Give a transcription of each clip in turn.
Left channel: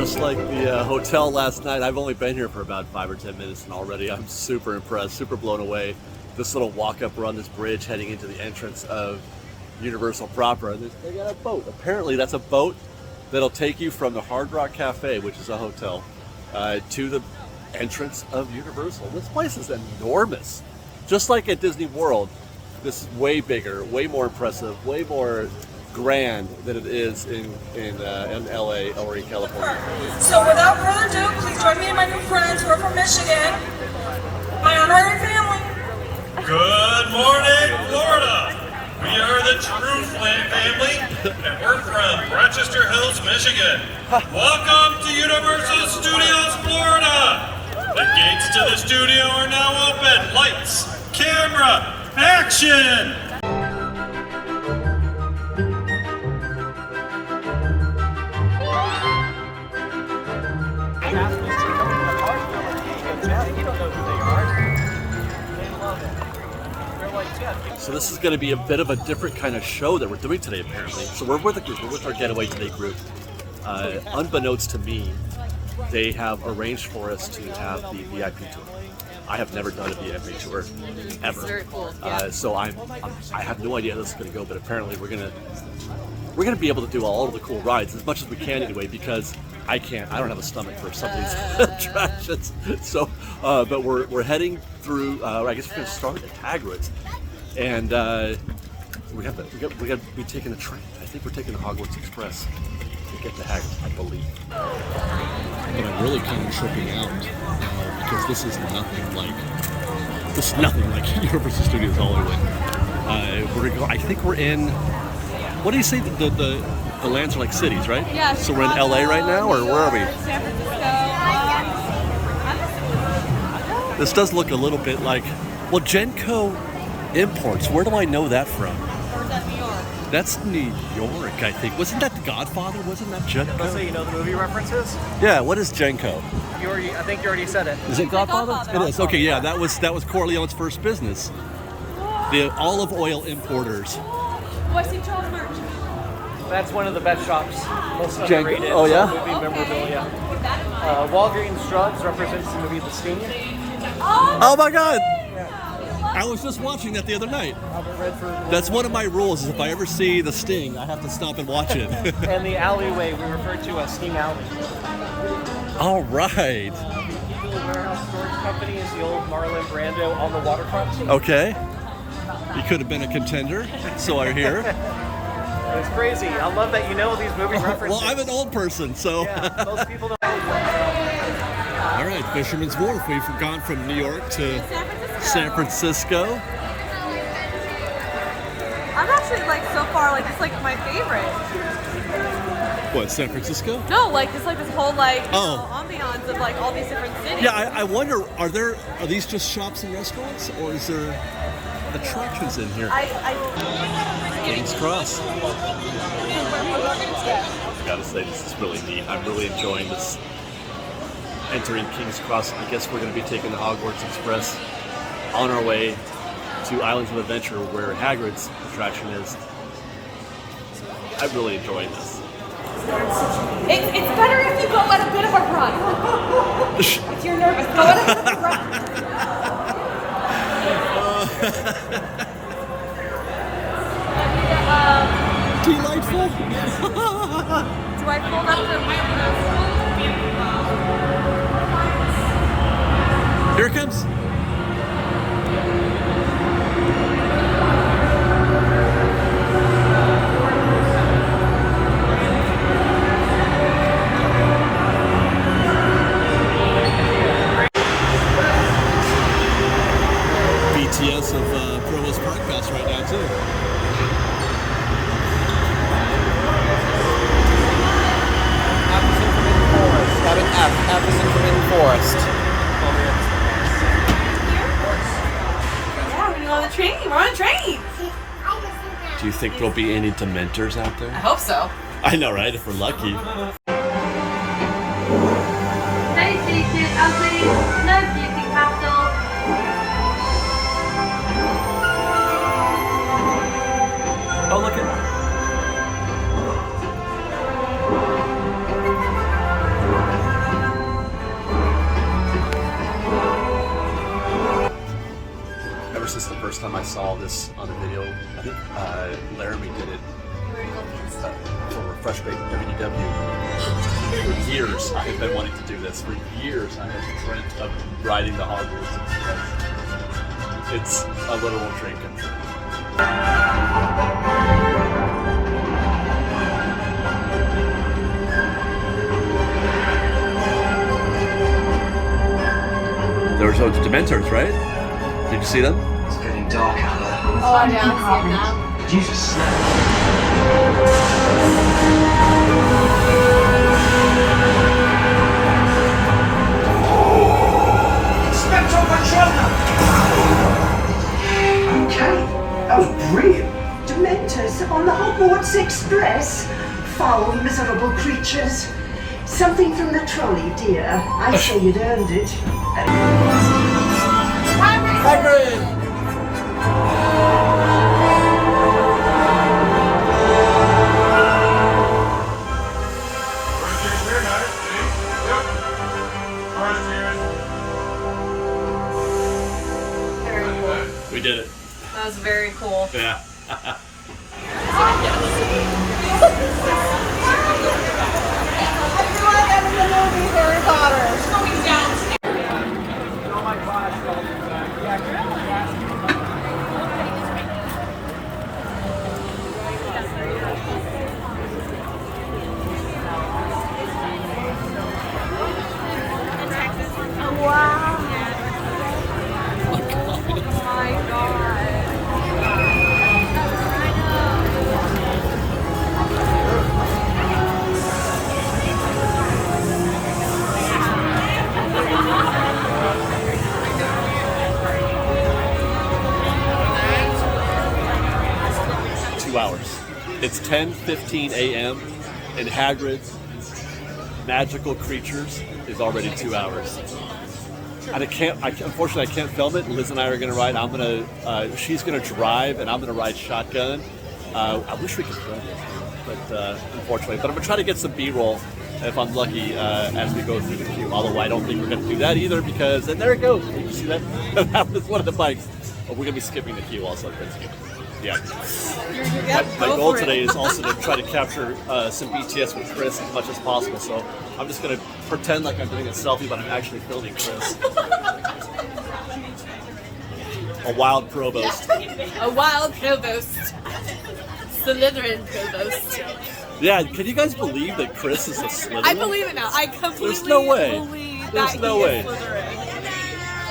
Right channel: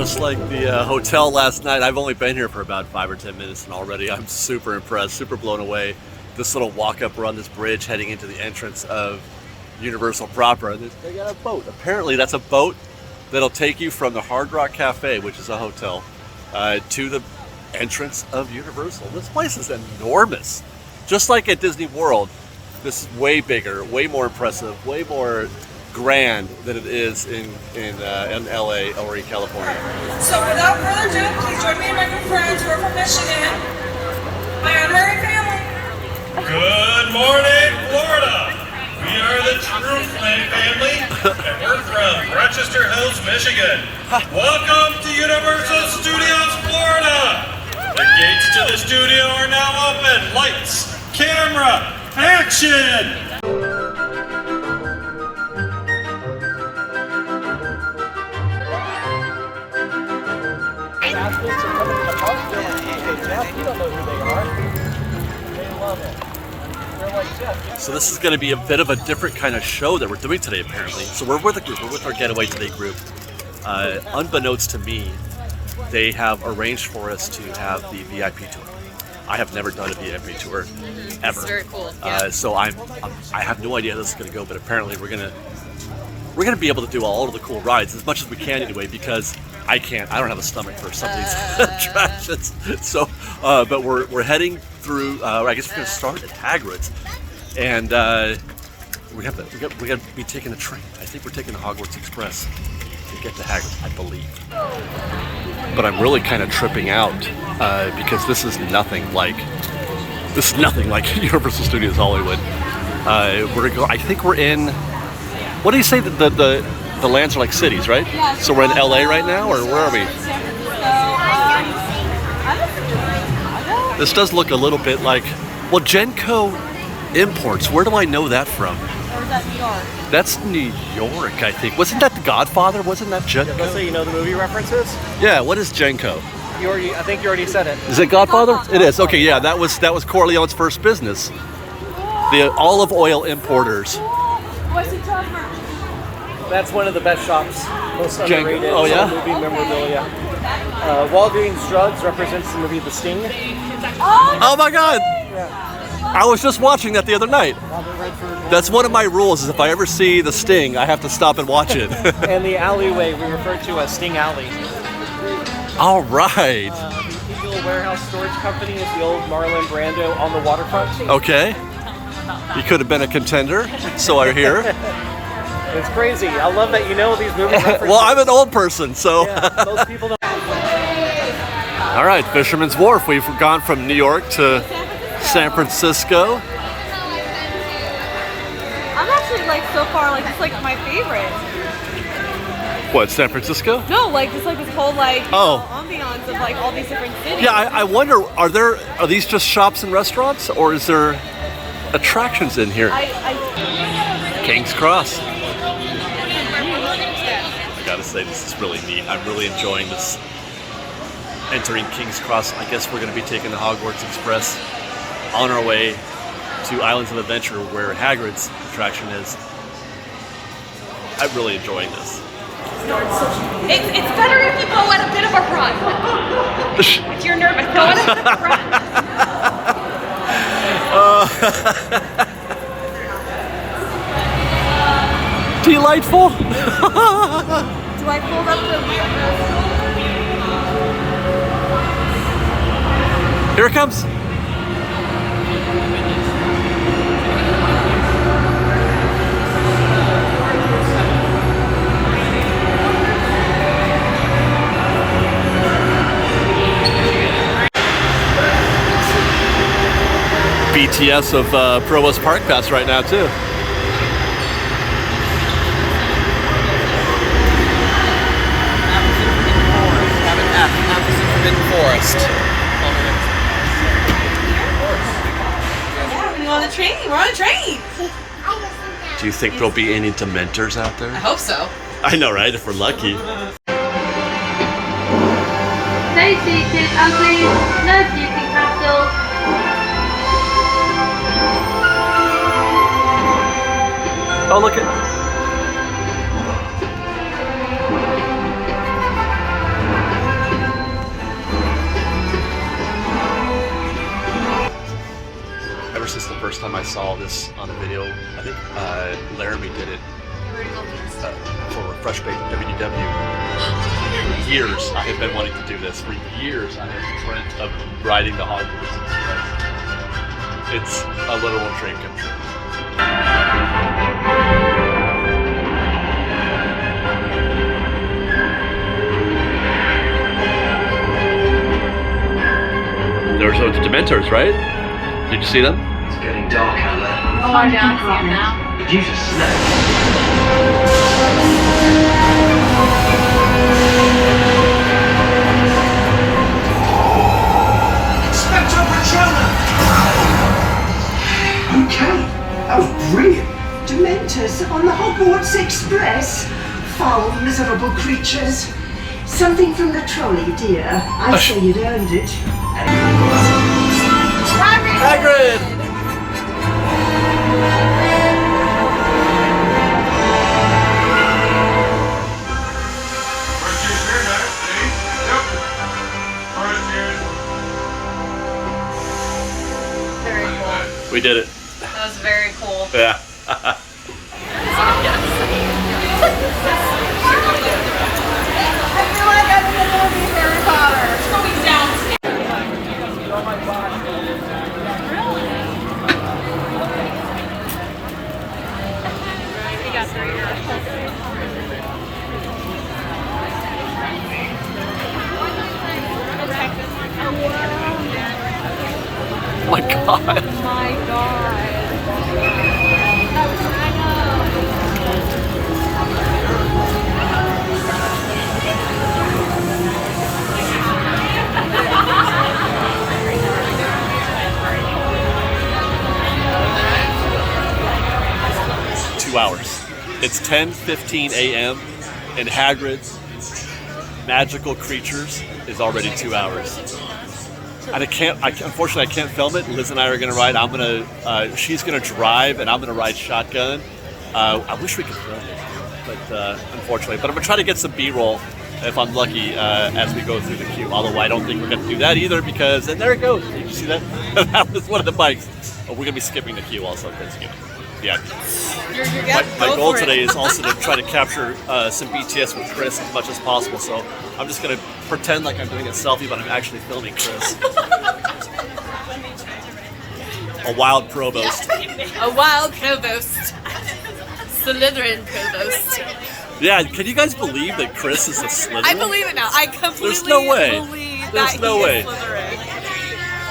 Just like the hotel last night, I've only been here for about 5 or 10 minutes and already I'm super impressed, super blown away. This little walk up, we're on this bridge heading into the entrance of Universal proper. And they got a boat. Apparently that's a boat that'll take you from the Hard Rock Cafe, which is a hotel, to the entrance of Universal. This place is enormous. Just like at Disney World, this is way bigger, way more impressive, way more grand than it is in LA or in California. So without further ado, please join me and my new friends who are from Michigan, my honorary family. Good morning, Florida. We are the True Flame family, and we're from Rochester Hills, Michigan. Welcome to Universal Studios, Florida. The gates to the studio are now open. Lights, camera, action! So this is going to be a bit of a different kind of show that we're doing today, apparently. So we're with a group, we're with our Getaway Today group. Unbeknownst to me, they have arranged for us to have the VIP tour. I have never done a VIP tour, ever. Very cool. Yeah. So I have no idea how this is going to go, but apparently we're gonna be able to do all of the cool rides as much as we can anyway, because I don't have a stomach for some of these attractions. So, but we're heading through. I guess we're gonna start at Hagrid's. And we got to be taking a train. I think we're taking the Hogwarts Express to get to Hagrid, I believe. But I'm really kind of tripping out because this is nothing like Universal Studios Hollywood. We're gonna go. I think we're in. What do you say that the lands are like cities, right? Yeah. So we're in LA right now, or where are we? San Francisco. This does look a little bit like. Well, Genco Imports. Where do I know that from? Or is that New York? That's New York, I think. Wasn't that The Godfather? Wasn't that Genco? So you know the movie references? Yeah. What is Genco? I think you already said it. Is it Godfather? It is. Okay. Yeah. That was Corleone's first business. The olive oil importers. Oh, I see John merch. That's one of the best shops. Most Genco. underrated Oh yeah. movie memorabilia. Keep that in mind. Walgreens Drugs represents the movie The Sting. Oh my God. I was just watching that the other night. That's one of my rules, is if I ever see The Sting, I have to stop and watch it. And the alleyway we refer to as Sting Alley. All right. The Eagle Warehouse Storage Company is the old Marlon Brando on the waterfront. Okay. He could have been a contender, so I hear. It's crazy. I love that you know these movie references. Well, I'm an old person, so. Yeah, most people don't. All right, Fisherman's Wharf. We've gone from New York to San Francisco. I'm actually so far it's my favorite. What, San Francisco? No, just this whole Oh. ambiance of all these different cities. Yeah, I wonder, are these just shops and restaurants, or is there attractions in here? King's Cross. I gotta say, this is really neat. I'm really enjoying this. Entering King's Cross. I guess we're gonna be taking the Hogwarts Express on our way to Islands of Adventure, where Hagrid's attraction is. I'm really enjoying this. It's better if you go at a bit of a run. If you're nervous, go at a bit of a run. Delightful. Here it comes. BTS of Provost Park Pass right now too. We're on a train. Do you think there'll be any Dementors out there? I hope so. I know, right? If we're lucky. Stay seated, ugly, no puking capsules. Oh, look at. last time I saw this on a video. I think Laramie did it for Refresh Bait WDW. For years, I have been wanting to do this. For years, I have dreamt of riding the Hogwarts Express. It's a literal dream come true. There were those Dementors, right? Did you see them? It's getting dark out there. Oh, yeah, I see it now. Did you just snap? Inspector Patronum! Okay, that was brilliant. Dementors on the Hogwarts Express. Foul, miserable creatures. Something from the trolley, dear. I say you'd earned it. Hagrid! Very cool. We did it. That was very cool. Yeah. Oh my god. 2 hours. It's 10:15 a.m. and Hagrid's Magical Creatures is already 2 hours. And unfortunately, I can't film it. Liz and I are going to ride. She's going to drive, and I'm going to ride shotgun. I wish we could film it, but unfortunately. But I'm going to try to get some B-roll if I'm lucky as we go through the queue. Although I don't think we're going to do that either because, and there it goes. Did you see that? That was one of the bikes. Oh, we're going to be skipping the queue also because, my goal today is also to try to capture some BTS with Chris as much as possible. So I'm just going to pretend like I'm doing a selfie, but I'm actually filming Chris. A wild provost. A wild provost. Slytherin provost. Yeah, can you guys believe that Chris is a Slytherin? I believe it now. I completely There's no way. believe There's that no he way. is Slytherin.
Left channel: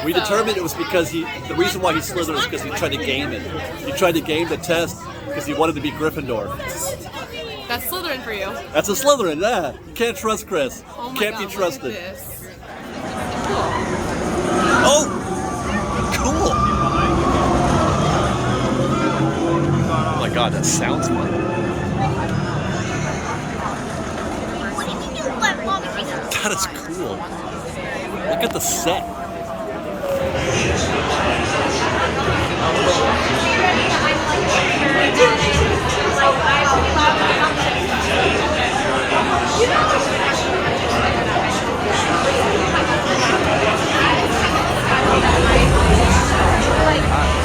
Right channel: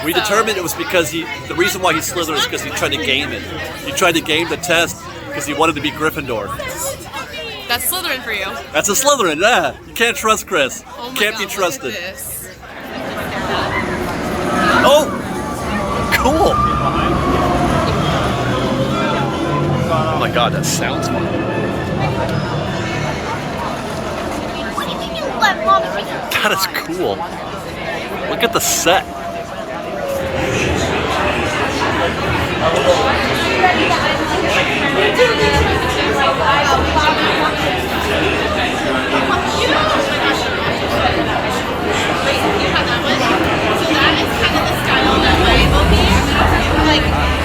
We determined it was because the reason why he's Slytherin is because he tried to game it. He tried to game the test because he wanted to be Gryffindor. That's Slytherin for you. That's a Slytherin, yeah. You can't trust Chris. Oh my Can't God, be look at trusted. this. Oh! Cool! Oh my god, that sounds fun. That is cool. Look at the set.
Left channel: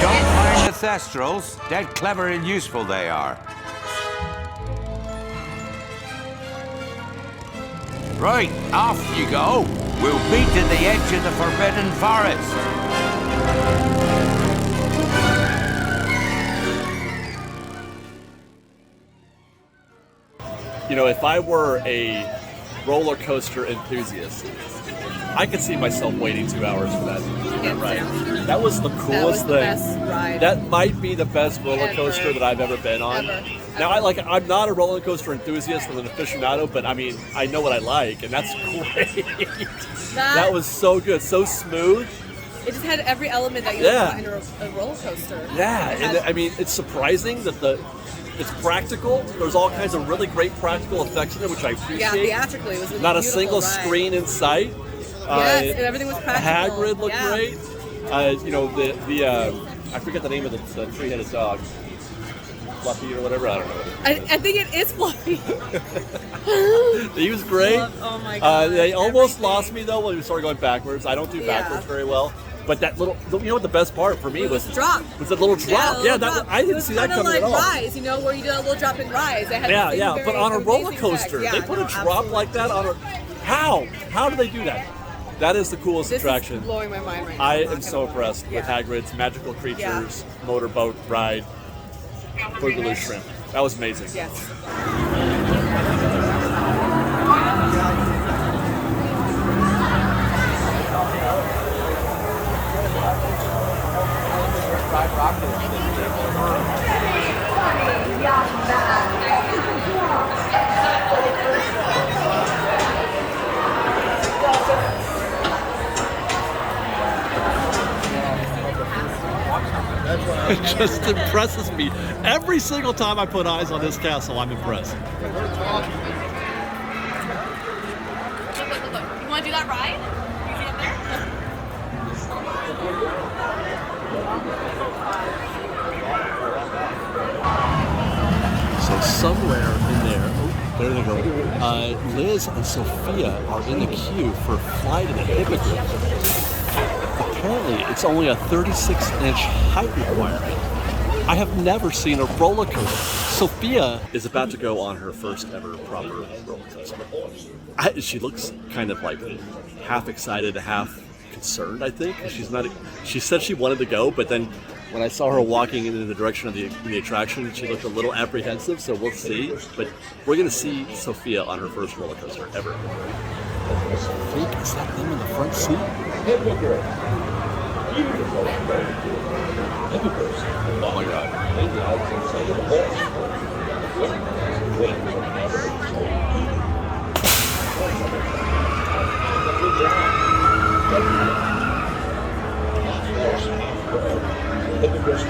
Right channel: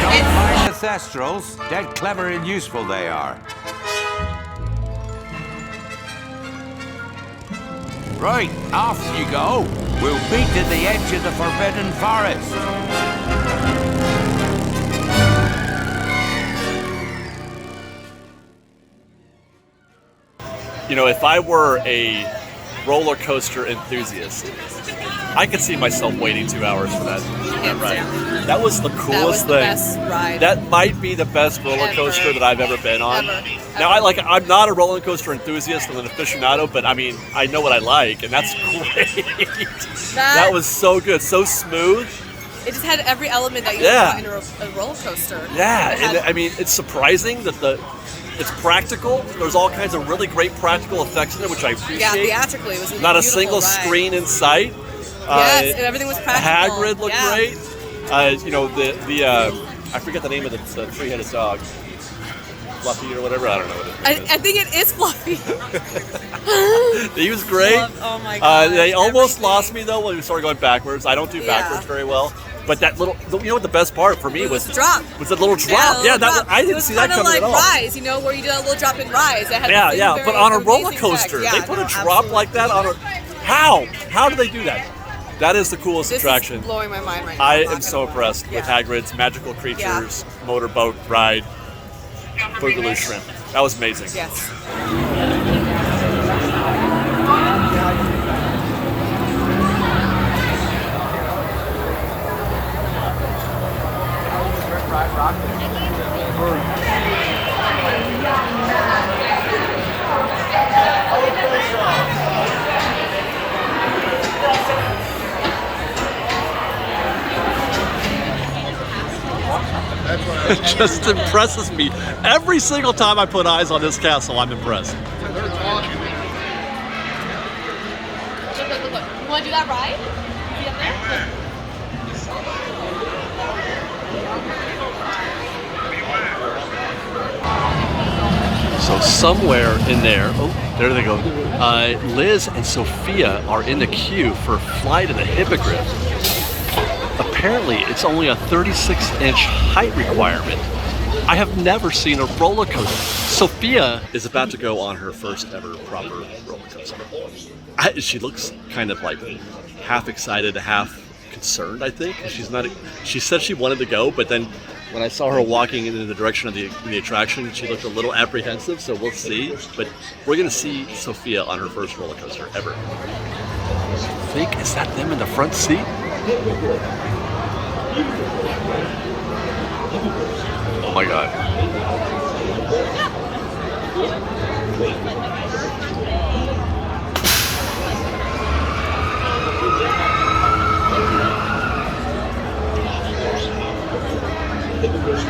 Don't mind the Thestrals. Dead clever and useful they are. Right, off you go. We'll meet at the edge of the Forbidden Forest. You know, if I were a roller coaster enthusiast, I could see myself waiting 2 hours for that ride. That was the coolest thing. Best ride. That might be the best roller coaster that I've ever been on. Ever. Now, I'm not a roller coaster enthusiast and an aficionado, but I mean, I know what I like, and that's great. That was so good, so smooth. It just had every element that you Yeah. would want in a roller coaster. Yeah, It had- and I mean, it's surprising that it's practical. There's all kinds of really great practical effects in it, which I appreciate. Yeah, theatrically, it was a Not a beautiful single ride. screen in sight. Yes, and everything was practical. Hagrid looked Yeah. great. You know, I forget the name of the three-headed dog. Fluffy or whatever, I don't know what it is. I think it is Fluffy. He was great. Oh my god. They almost lost me though when we started going backwards. I don't do backwards very well. But that little, you know what the best part for me was? The drop. Was that little drop? Yeah, that I didn't see that coming like at all. Rise, you know, where you do that little drop in Rise. It had Yeah, the yeah. very But on a roller amazing coaster, effect. they Yeah, put a no, drop absolutely. like that on a. How? How do they do that? That is the coolest This attraction. is blowing my mind right now. I I'm not am so gonna lie. impressed with Hagrid's Magical Creatures motorboat ride, Boogaloo Shrimp. That was amazing. Yes. It just impresses me. Every single time I put eyes on this castle, I'm impressed. Look. You want to do that ride? See up there? So somewhere in there, oh, there they go. Liz and Sophia are in the queue for a flight of the Hippogriff. Apparently, it's only a 36-inch height requirement. I have never seen a roller coaster. Sophia is about to go on her first ever proper roller coaster. She looks kind of like half excited, half concerned, I think. She said she wanted to go, but then when I saw her walking in the direction of the attraction, she looked a little apprehensive, so we'll see. But we're going to see Sophia on her first roller coaster ever. I think, is that them in the front seat? Oh my God.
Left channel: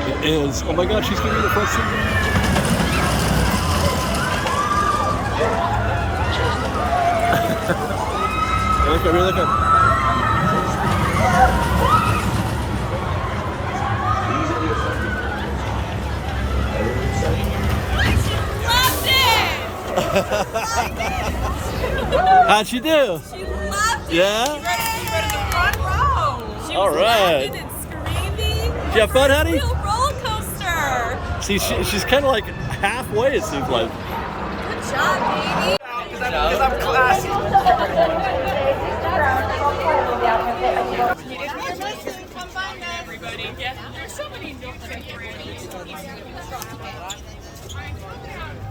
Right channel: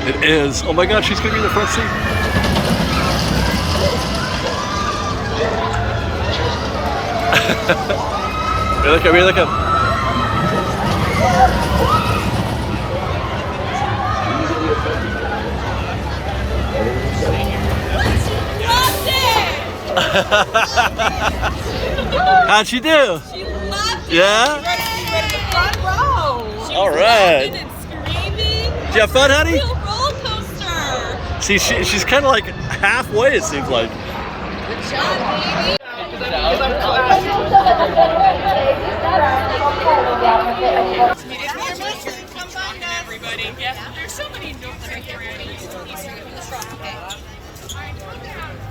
It is. Oh my God, she's going to be in the front seat. Here they come, here they come. How'd she do? She loved it. Yeah? She was in the front row. She was All right. laughing and screaming. Did you have fun, honey? Real roller coaster. See, she's kind of like halfway, it seems like. Good job, baby. Because I'm classy.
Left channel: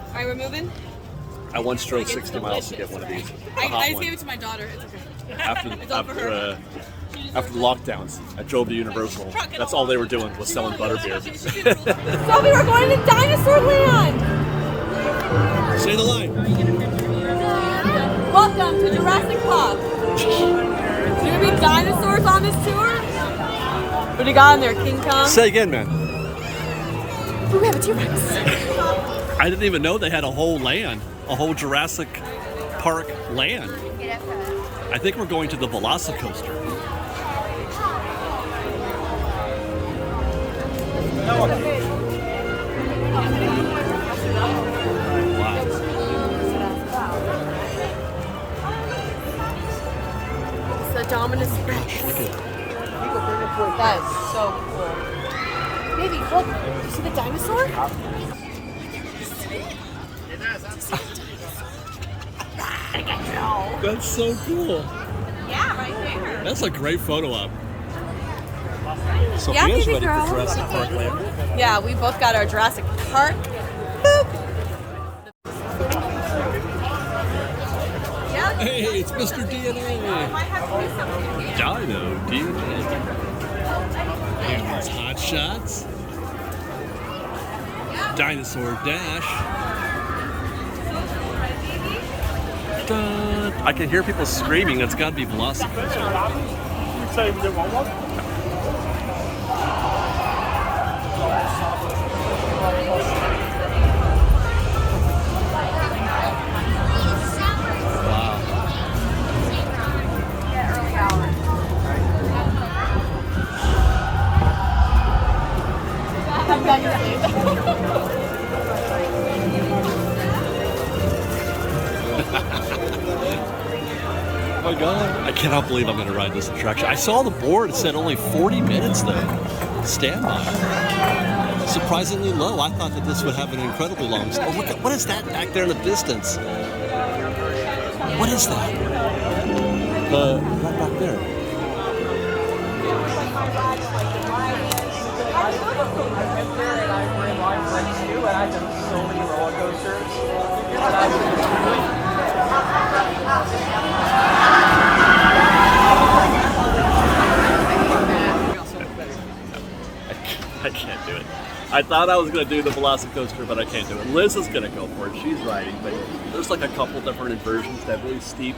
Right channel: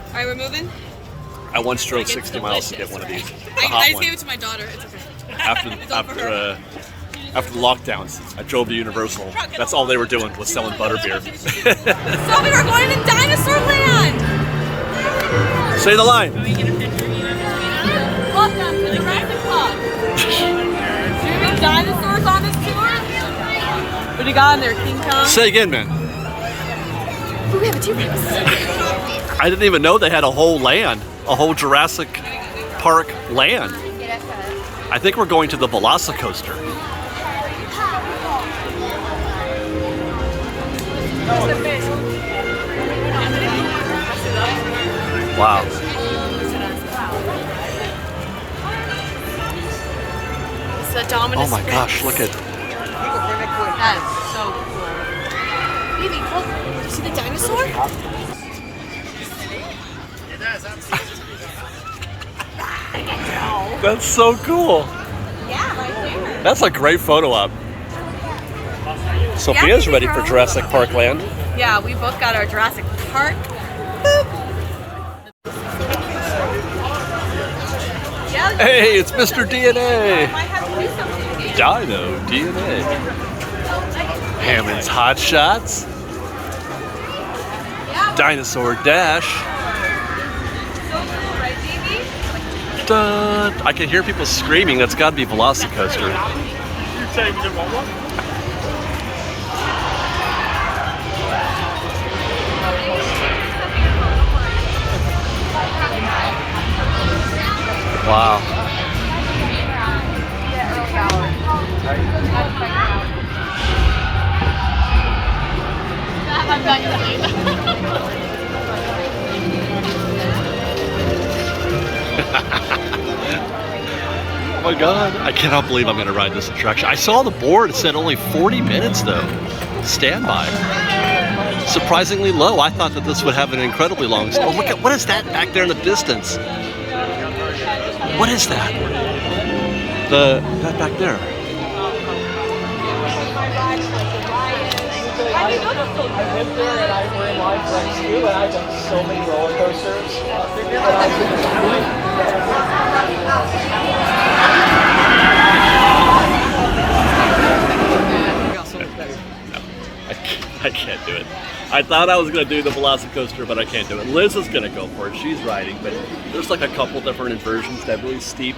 All right, we're moving. I once drove 60 miles to get one of these. The I hot just one. gave it to my daughter. It's okay. After the lockdowns, I drove to Universal. That's all they were doing was selling butterbeer. So we were going to Dinosaur Land. Say the line. Welcome to Jurassic Park. Do you need dinosaurs on this tour? What do you got in there, King Kong? Say again, man. Ooh, we have a T-Rex. I didn't even know they had a whole land, a whole Jurassic Park land. I think we're going to the VelociCoaster. Wow. It's the Dominus. Oh my gosh, look at. That's so cool. Baby, look. You see the dinosaur? That's so cool. That's a great photo op. Sophia's ready for Jurassic Park Land. Yeah, we both got our Jurassic Park. Hey, it's Mr. DNA. Dino DNA. Hammond's Hot Shots. Dinosaur Dash. Dun. I can hear people screaming. That's got to be VelociCoaster. Wow. my god, I cannot believe I'm gonna ride this attraction. I saw the board, it said only 40 minutes though. Standby. Surprisingly low. I thought that this would have an incredibly long. Oh, look at, what is that back there in the distance? What is that? That back there. It was like my ride and like the ride is. I mean, those are still good. And I ran my friends too, and I've done so many roller coasters. I can't do it. I thought I was going to do the VelociCoaster, but I can't do it. Liz is going to go for it. She's riding, but there's like a couple different inversions that really steep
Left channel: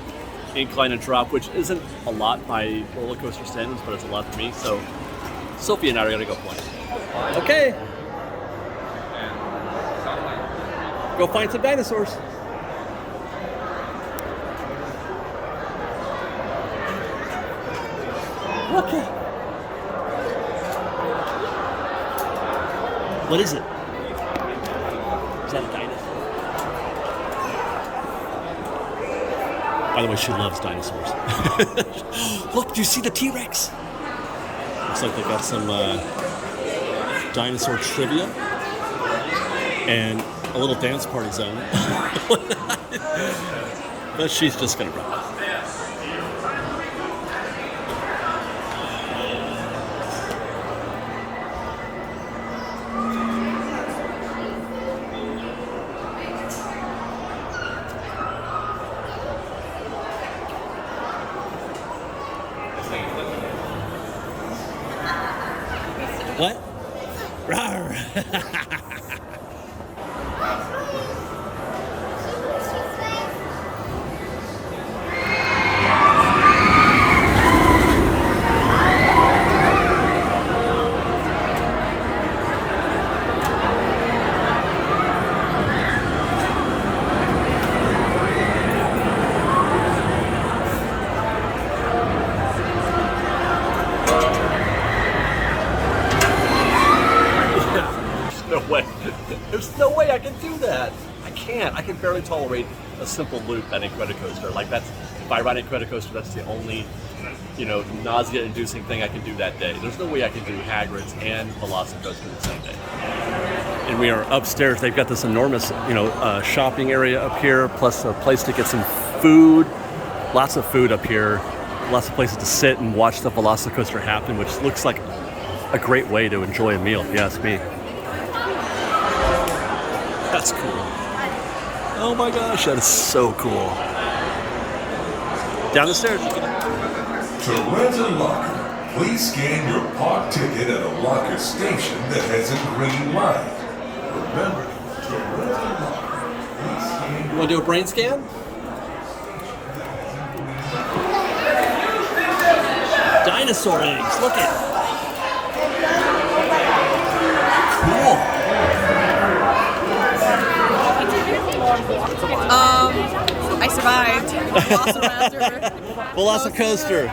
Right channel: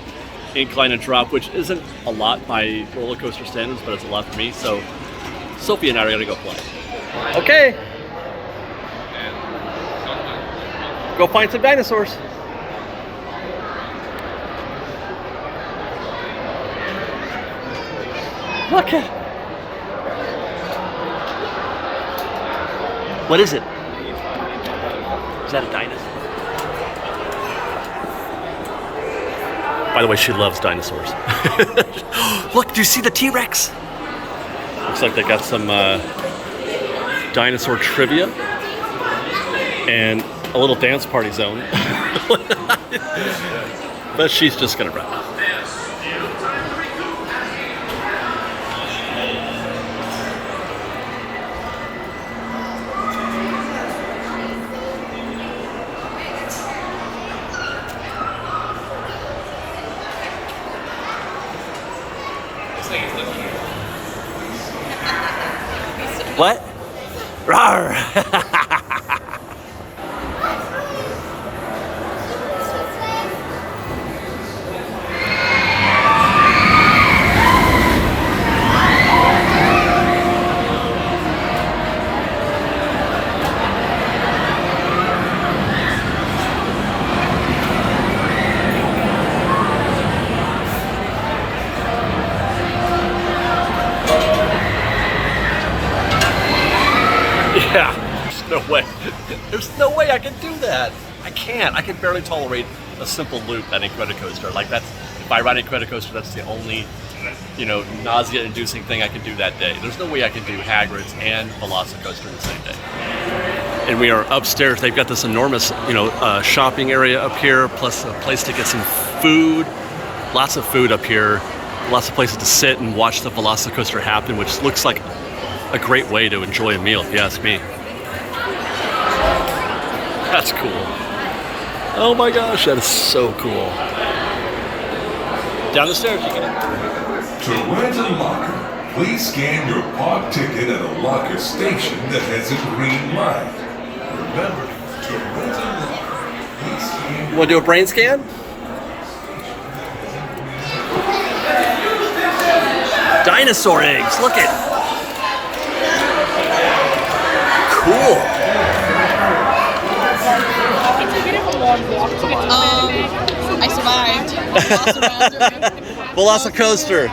incline and drop, which isn't a lot by roller coaster standards, but it's a lot for me. So Sophie and I are going to go play. Okay. Go find some dinosaurs. Look at. What is it? Is that a dinosaur? By the way, she loves dinosaurs. Look, do you see the T-Rex? Looks like they got some dinosaur trivia and a little dance party zone. But she's just gonna run. What? Rawr! Yeah, there's no way. There's no way I can do that. I can't. I can barely tolerate a simple loop at Incredicoaster. Like that's, if I ride Incredicoaster, that's the only, nausea-inducing thing I can do that day. There's no way I can do Hagrid's and VelociCoaster the same day. And we are upstairs. They've got this enormous, shopping area up here, plus a place to get some food. Lots of food up here. Lots of places to sit and watch the VelociCoaster happen, which looks like a great way to enjoy a meal, if you ask me. That's cool. Oh my gosh, that is so cool. Down the stairs. To rent a locker, please scan your park ticket at a locker station that has a green light. Remember, to rent a locker, please scan. You want to do a brain scan? Dinosaur eggs, look at. Cool. I survived. VelociCoaster.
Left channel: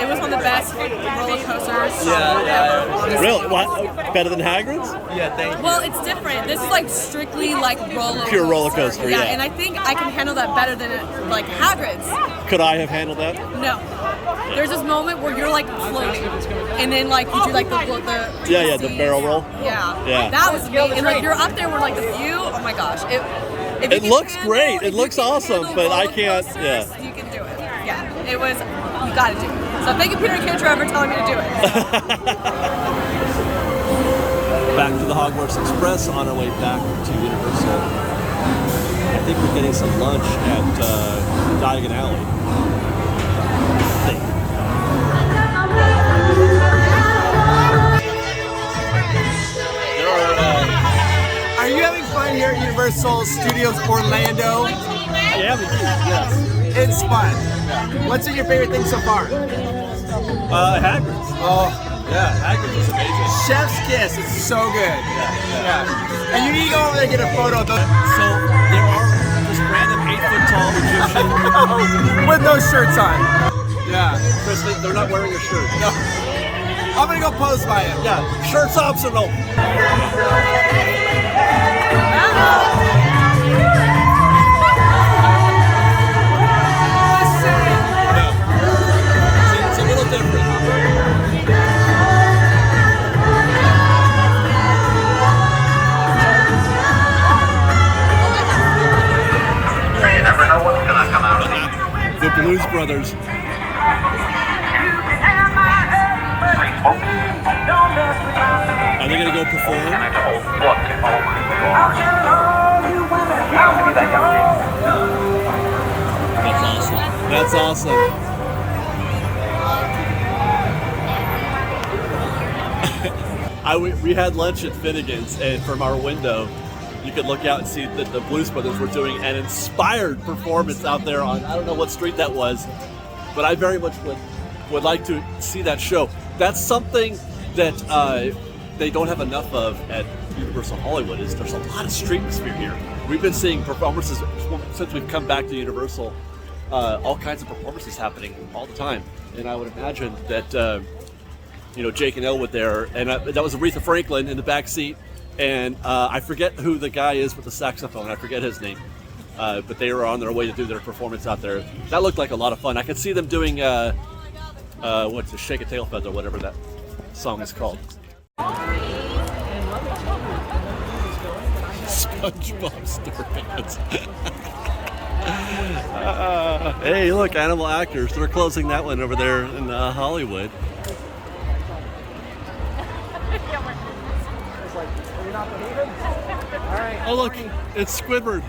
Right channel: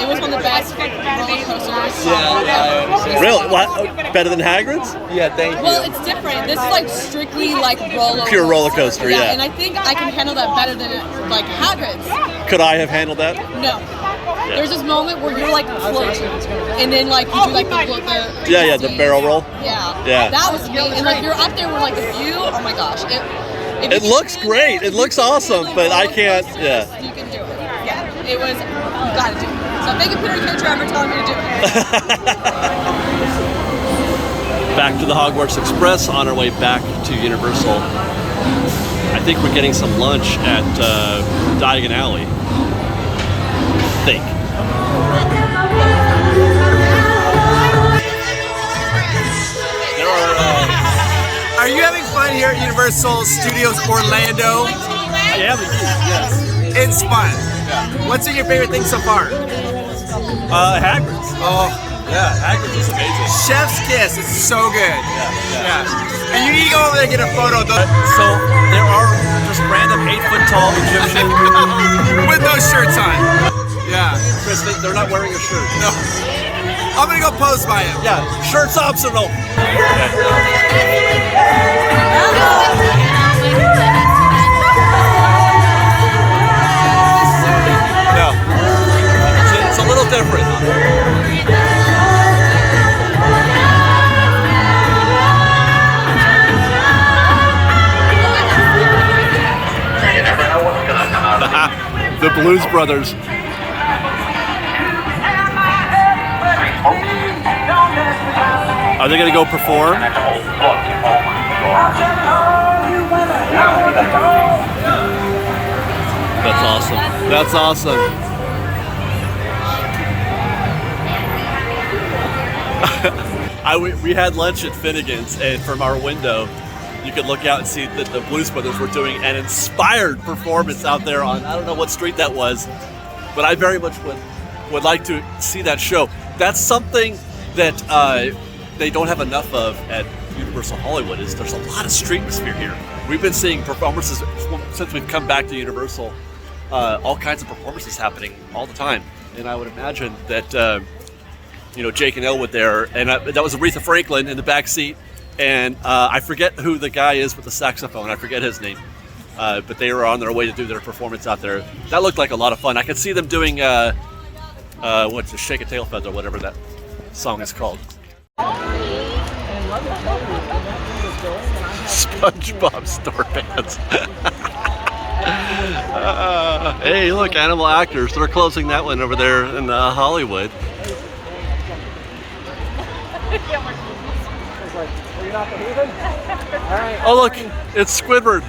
It was one of the best roller coasters ever. Honestly. Really? What? Better than Hagrid's? Yeah, thank you. Well, it's different. This is like strictly like roller Pure roller coaster, yeah. And I think I can handle that better than like Hagrid's. Could I have handled that? No. Yeah. There's this moment where you're like floating, and then like you do like the the barrel roll. Yeah. That was amazing. And like you're up there with like the view. Oh my gosh. It looks great. It looks awesome, but I can't. Yeah. You can do it. Yeah. It was. You got to do it. So thank you, Peter and Kendra, for telling me to do it. Back to the Hogwarts Express on our way back to Universal. I think we're getting some lunch at Diagon Alley. I think. Are you having fun here at Universal Studios Orlando? I am indeed, yes. It's fun. Yeah. What's your favorite thing so far? Hagrid's. Oh, yeah, Hagrid's is amazing. Chef's kiss. It's so good. Yeah. And you need to go over there and get a photo. So there are just random 8-foot-tall Egyptians with no shirts on. Yeah. Chris, they're not wearing a shirt. No. I'm gonna go pose by him. Yeah, shirt's optional. Okay. different. You never know what's gonna come out of it. The Blues Brothers. Are they gonna go perform? That's awesome. That's awesome. We had lunch at Finnegan's, and from our window, you could look out and see that the Blues Brothers were doing an inspired performance out there on, I don't know what street that was, but I very much would like to see that show. That's something that they don't have enough of at Universal Hollywood. Is there's a lot of streetmosphere here. We've been seeing performances since we've come back to Universal, all kinds of performances happening all the time, and I would imagine that Jake and Elwood there, and that was Aretha Franklin in the back seat, and I forget who the guy is with the saxophone. I forget his name, but they were on their way to do their performance out there. That looked like a lot of fun. I could see them doing what's the Shake a Tail Feather, whatever that song is called. And let me tell you, when that thing was going, and I had SpongeBob store pants. Hey, look, Animal Actors. They're closing that one over there in Hollywood. Oh, look, it's Squidward.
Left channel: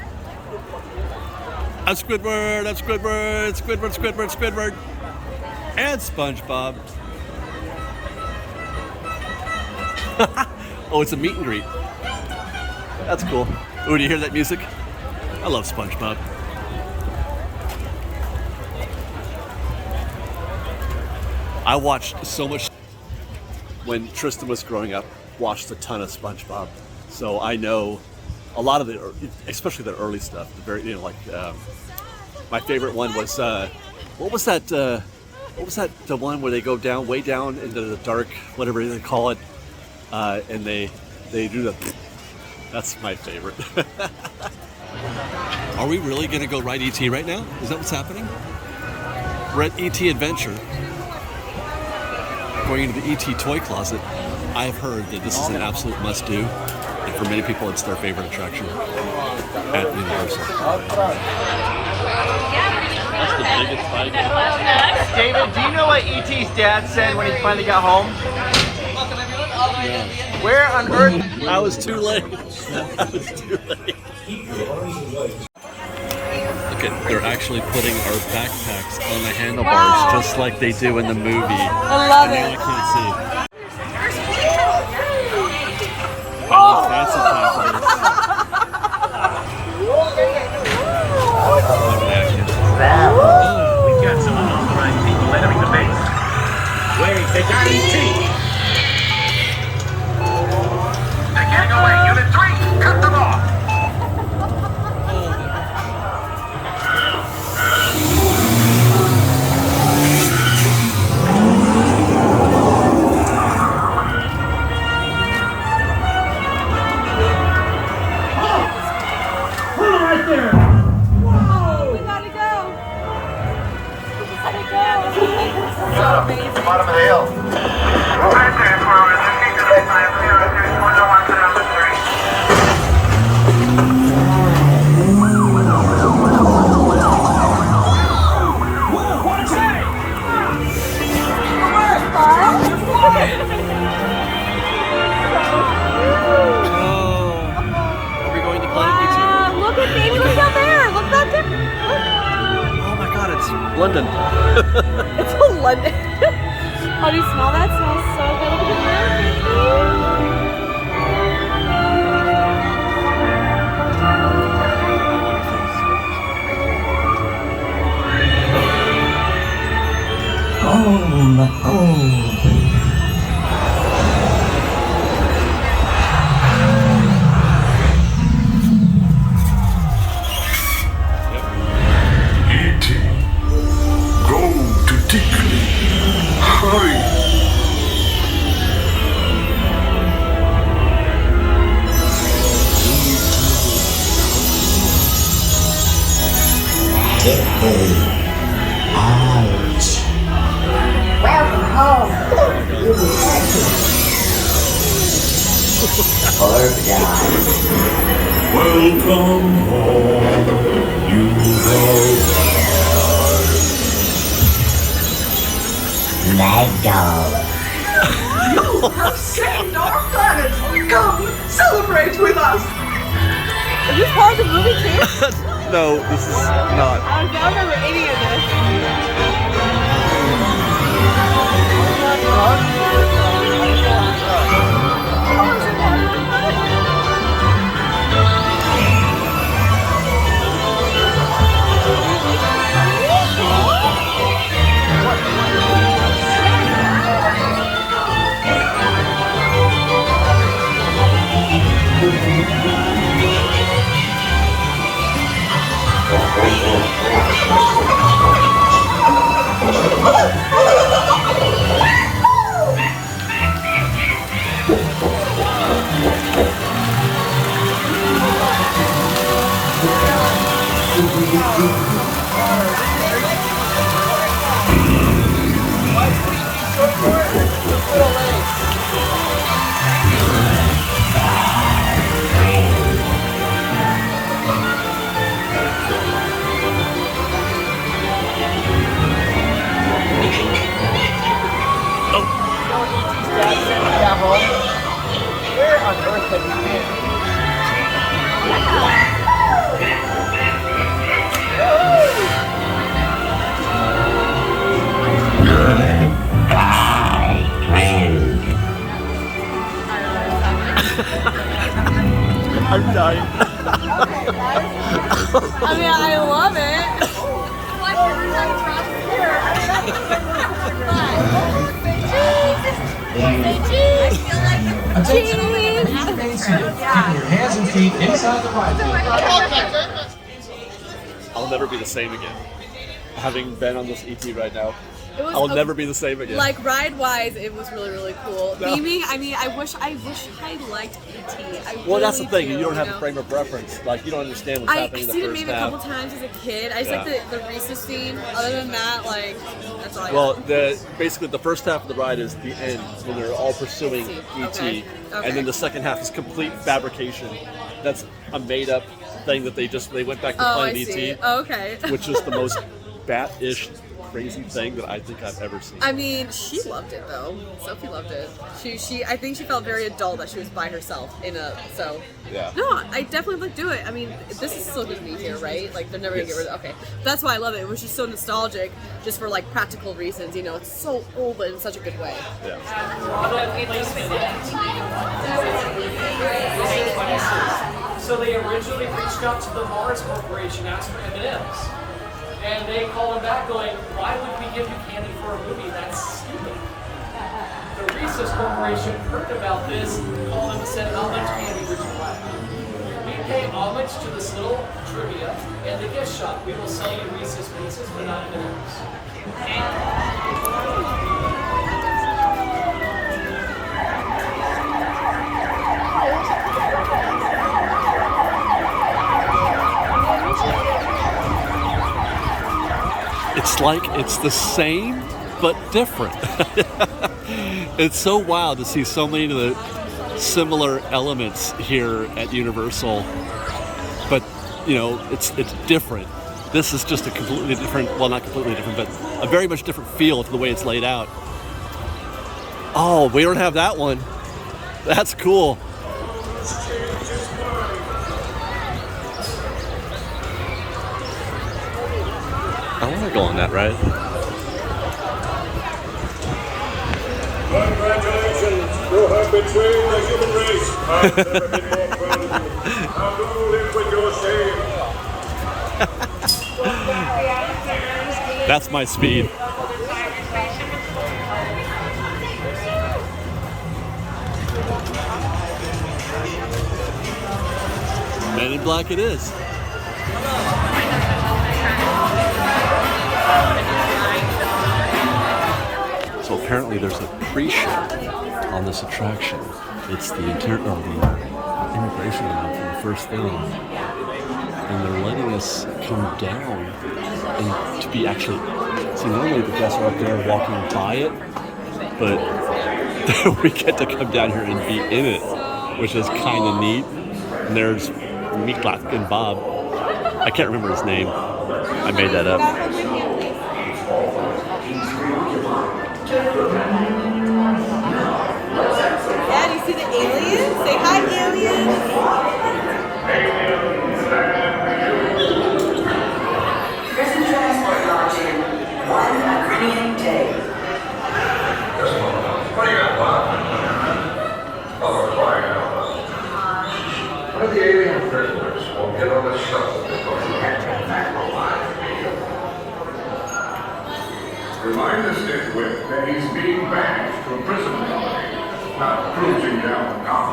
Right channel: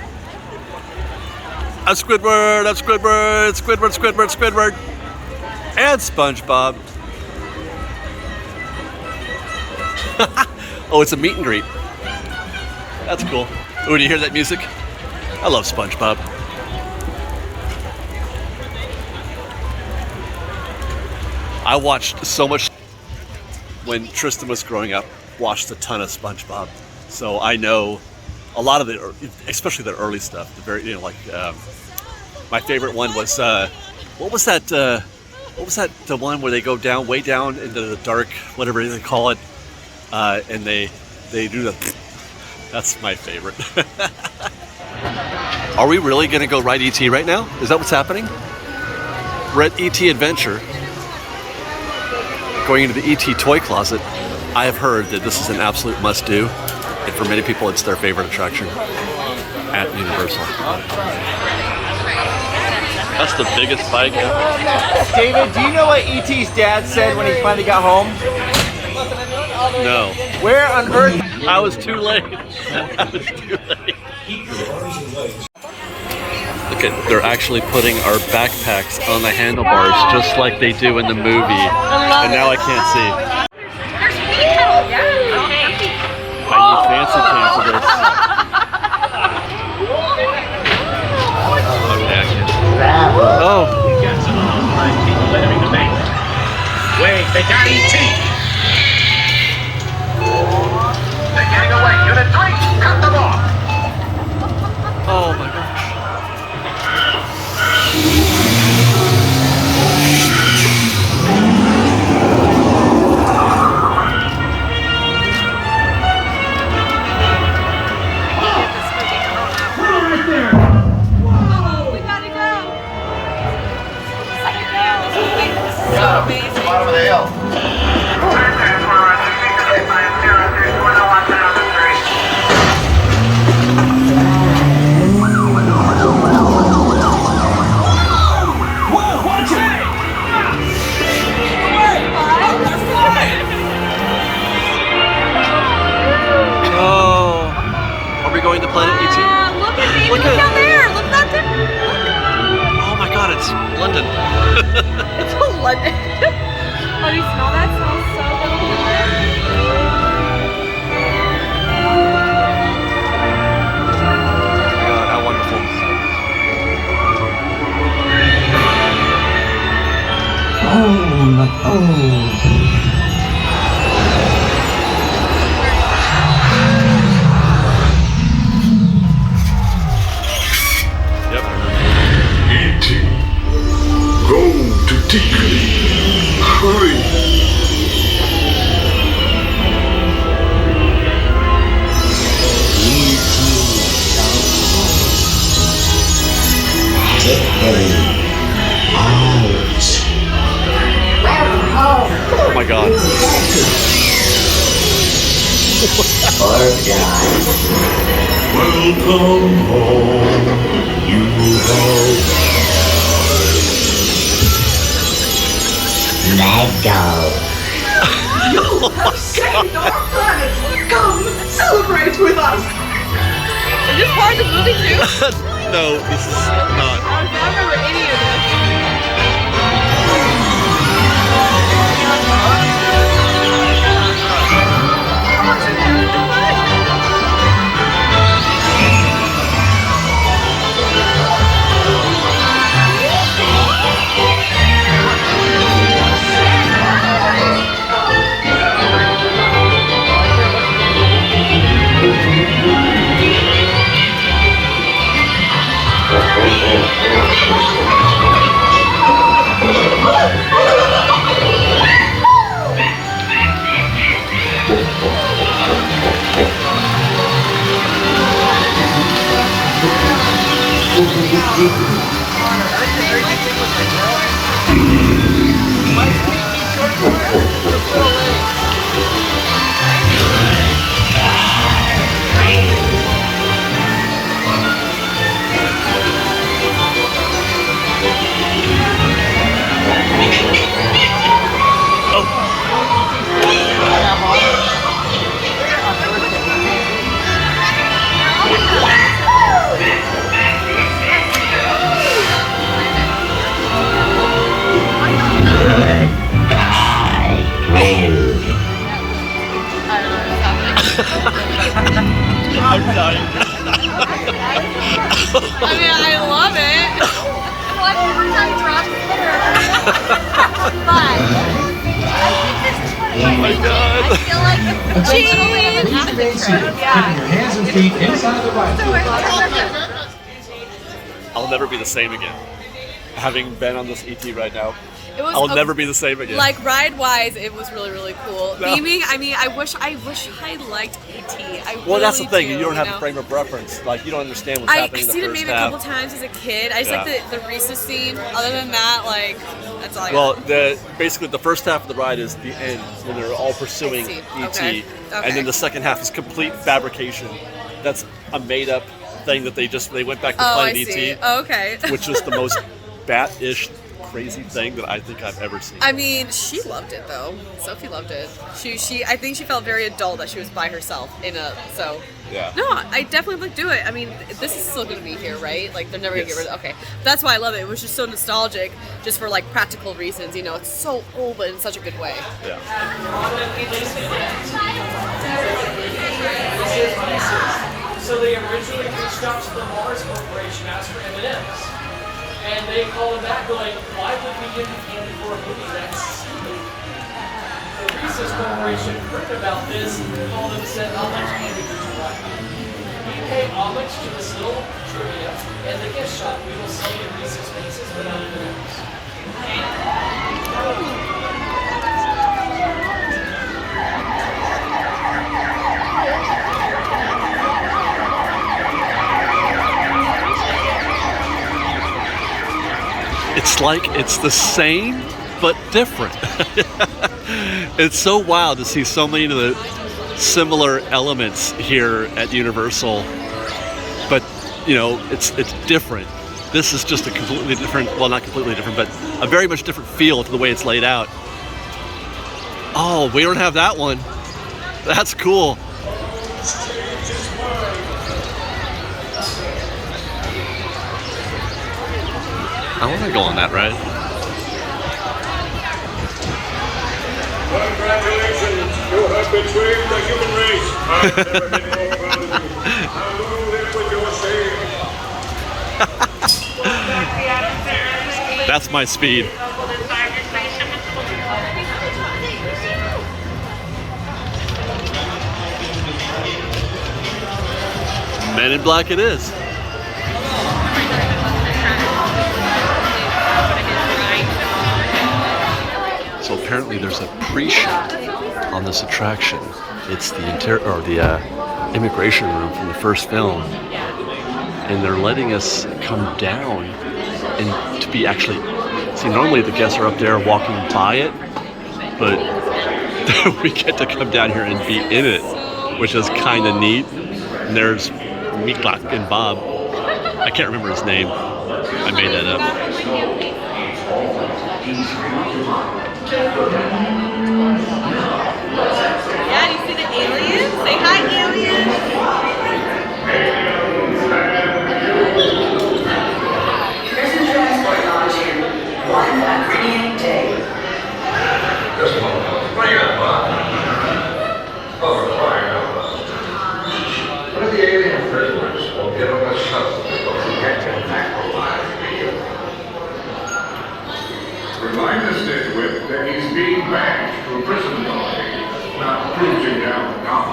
That's Squidward, that's Squidward, Squidward, Squidward, Squidward. And SpongeBob. Oh, it's a meet and greet. That's cool. Oh, do you hear that music? I love SpongeBob. I watched so much when Tristan was growing up, watched a ton of SpongeBob. So I know a lot of it, especially the early stuff. The very, my favorite one was, what was that? The one where they go down, way down into the dark, whatever they call it, and they do the. That's my favorite. Are we really going to go ride ET right now? Is that what's happening? We're at ET Adventure, going into the ET toy closet. I have heard that this is an absolute must-do, and for many people, it's their favorite attraction at Universal. That's the biggest bike ever. David, do you know what E.T.'s dad said when he finally got home? No. Where on earth? I was too late. I was too late. Look at, they're actually putting our backpacks on the handlebars just like they do in the movie. And now I can't see. I need fancy cam for this. Oh. We've got some unauthorized people entering the base. Wait, they got ET! They're getting away. Unit 3, cut them off! Oh my gosh. Right there! Got him. At the bottom of the hill. Oh. Are we going to Planet ET? Look at me. Look down there. Look down there. Oh my god, it's London. It's London. Oh, do you smell that? It smells so Oh my god, how wonderful. Yep. E.T. Go to Deacon. Hurry. Get out. Welcome home, you Let go. You have saved our planet! Come, celebrate with us! Is this part of the movie too? No, this is not. I remember any of this. I'm dying. I mean, I love it. Oh my god. Cheese! Keeping your hands and feet inside the ride field. I'll never be the same again. Having been on this ET right now, I'll never be the same again. Like ride-wise, it was really, really cool. No. Theming, I mean, I wish I liked ET. Well, that's the really thing. You don't have a frame of reference. Like, you don't understand what's happening in the I've seen it first maybe a half. couple times as a kid. I just like the Reese's scene. Other than that, like, that's all I Well, got. basically the first half of the ride is the end when they're all pursuing ET, Okay. and then the second half is complete fabrication. That's a made-up thing that they went back to Planet see. ET, Oh, okay. which is the most bat-ish crazy thing that I think I've ever seen. I mean, she loved it though. Sophie loved it. I think she felt very adult that she was by herself Yeah. No, I definitely would do it. I mean, this is still gonna be here, right? Like they're never gonna get rid of it. Okay. That's why I love it. It was just so nostalgic, just for like practical reasons. You know, it's so old but in such a good way. Yeah. So they originally reached out to the Mars Corporation, asked for M&Ms. And they called them back going, why would we give you candy for a movie? That's silly. The Reese's Corporation heard about this, called them and said, how much candy would you like? We pay homage to this little trivia and the gift shop. We will sell you Reese's Pieces, but not M&Ms. It's like it's the same but different. It's so wild to see so many of the similar elements here at Universal, but you know, it's different. This is just a completely different, well, not completely different, but a very much different feel to the way it's laid out. Oh, we don't have that one. That's cool. I want to go on that ride. Congratulations, you have betrayed the human race. I've never been more proud of you. Now you live with your shame. That's my speed. Men in Black it is. So apparently there's a pre-show on this attraction. It's the immigration room from the first film, and they're letting us come down and to be actually. See, normally the guests are up there walking by it, but we get to come down here and be in it. which is kind of neat. And there's Miklak and Bob. I can't remember his name. I made that up. Yeah, do you see the aliens? Say hi, aliens! Prison transport launch in 1 agreeing day. What do you got, Bob? Oh, they're crying out loud. What if the alien prisoners won't get on the shuttle because we can't get back alive for you? Remind the nitwit that he's being banished from prison robbery, not cruising down the canal.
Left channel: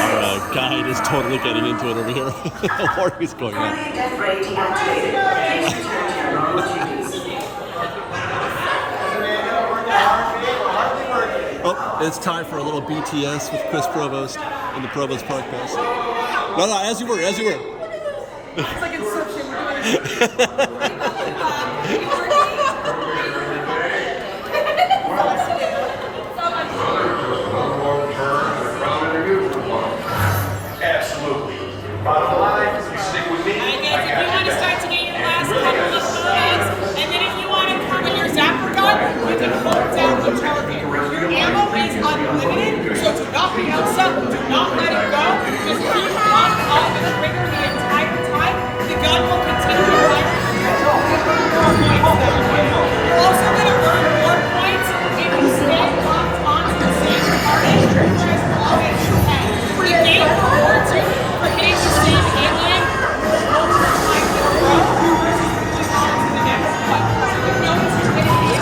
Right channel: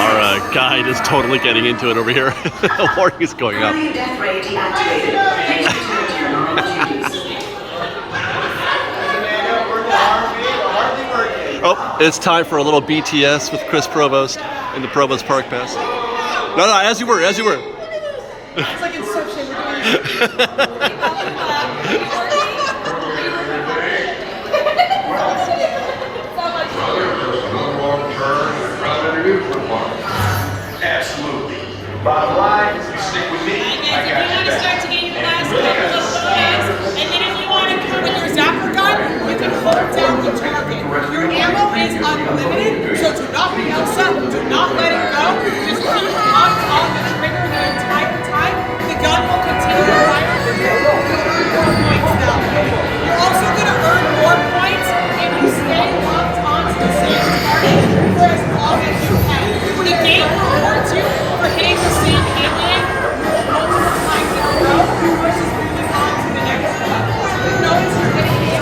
Our guide is totally getting into it over here. The warning is going up. Oh, it's time for a little BTS with Chris Provost in the Provost Park Pass. No, as you were. It's like Inception. Absolutely. Bottom line, you stick with me. Alright guys, if you want to start to get your last couple of photos, and then if you want to come with your zapper gun, you can hold down the target. Your ammo is unlimited, so do not be upset, do not let it go. Just keep locked on the trigger the entire time. The gun will continue to fire until you earn more points that way. You're also going to earn more points if you stay locked onto the same target for as long as you can. The game rewards you for getting the same alien multiple times in a row versus moving on to the next one. So you know it's your business.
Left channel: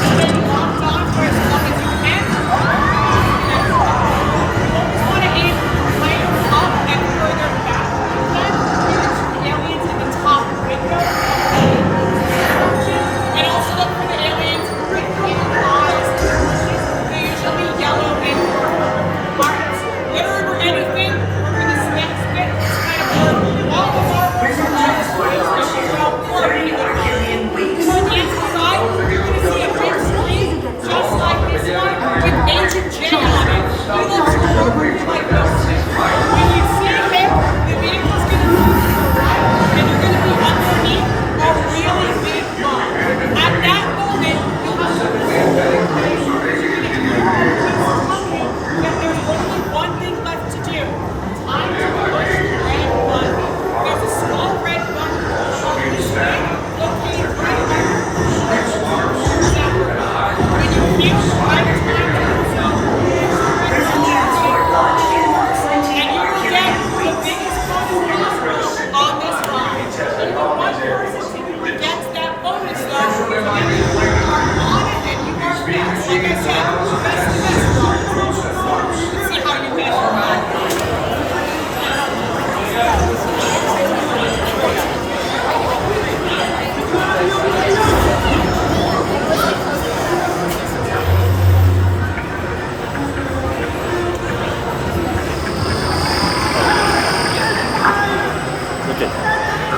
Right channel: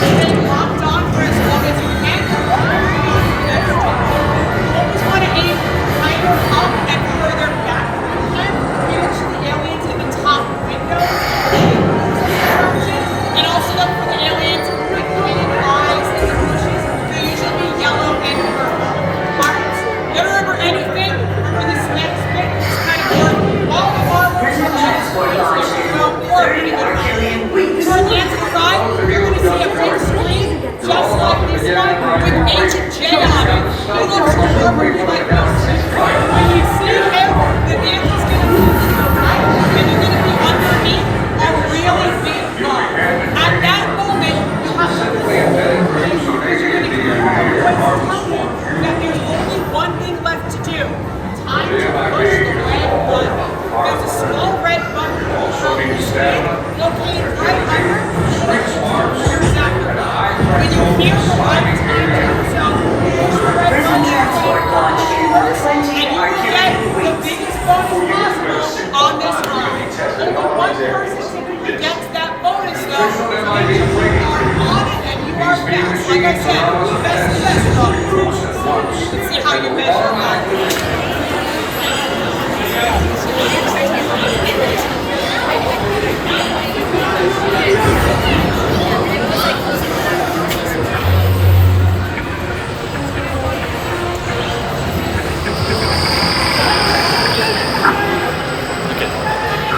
Stay locked on for as long as you can. Always want to aim kind of up and where they're back from the aliens in the top window. And also look for the aliens with green eyes and bushes. They usually be yellow and marked. You don't remember anything? Remember this next bit? It's kind of where all the marbles are just turn left and right. You're going to see a big screen just like this one with Agent J on it. He looks horribly like this. When you see him, the vehicle's going to move to the right and you're going to be underneath a really big car. At that moment, you have to because you're going to hear what's coming. That there's only one thing left to do. Time to push the red button. There's a small red button located right here. There's that one. When you feel the right time to stop, push the red button first, and you will get the biggest bonus possible on this ride. Only one person typically gets that bonus though, so make sure you are on it and you are fast. Like I said, best the best though. You can see how you measure that.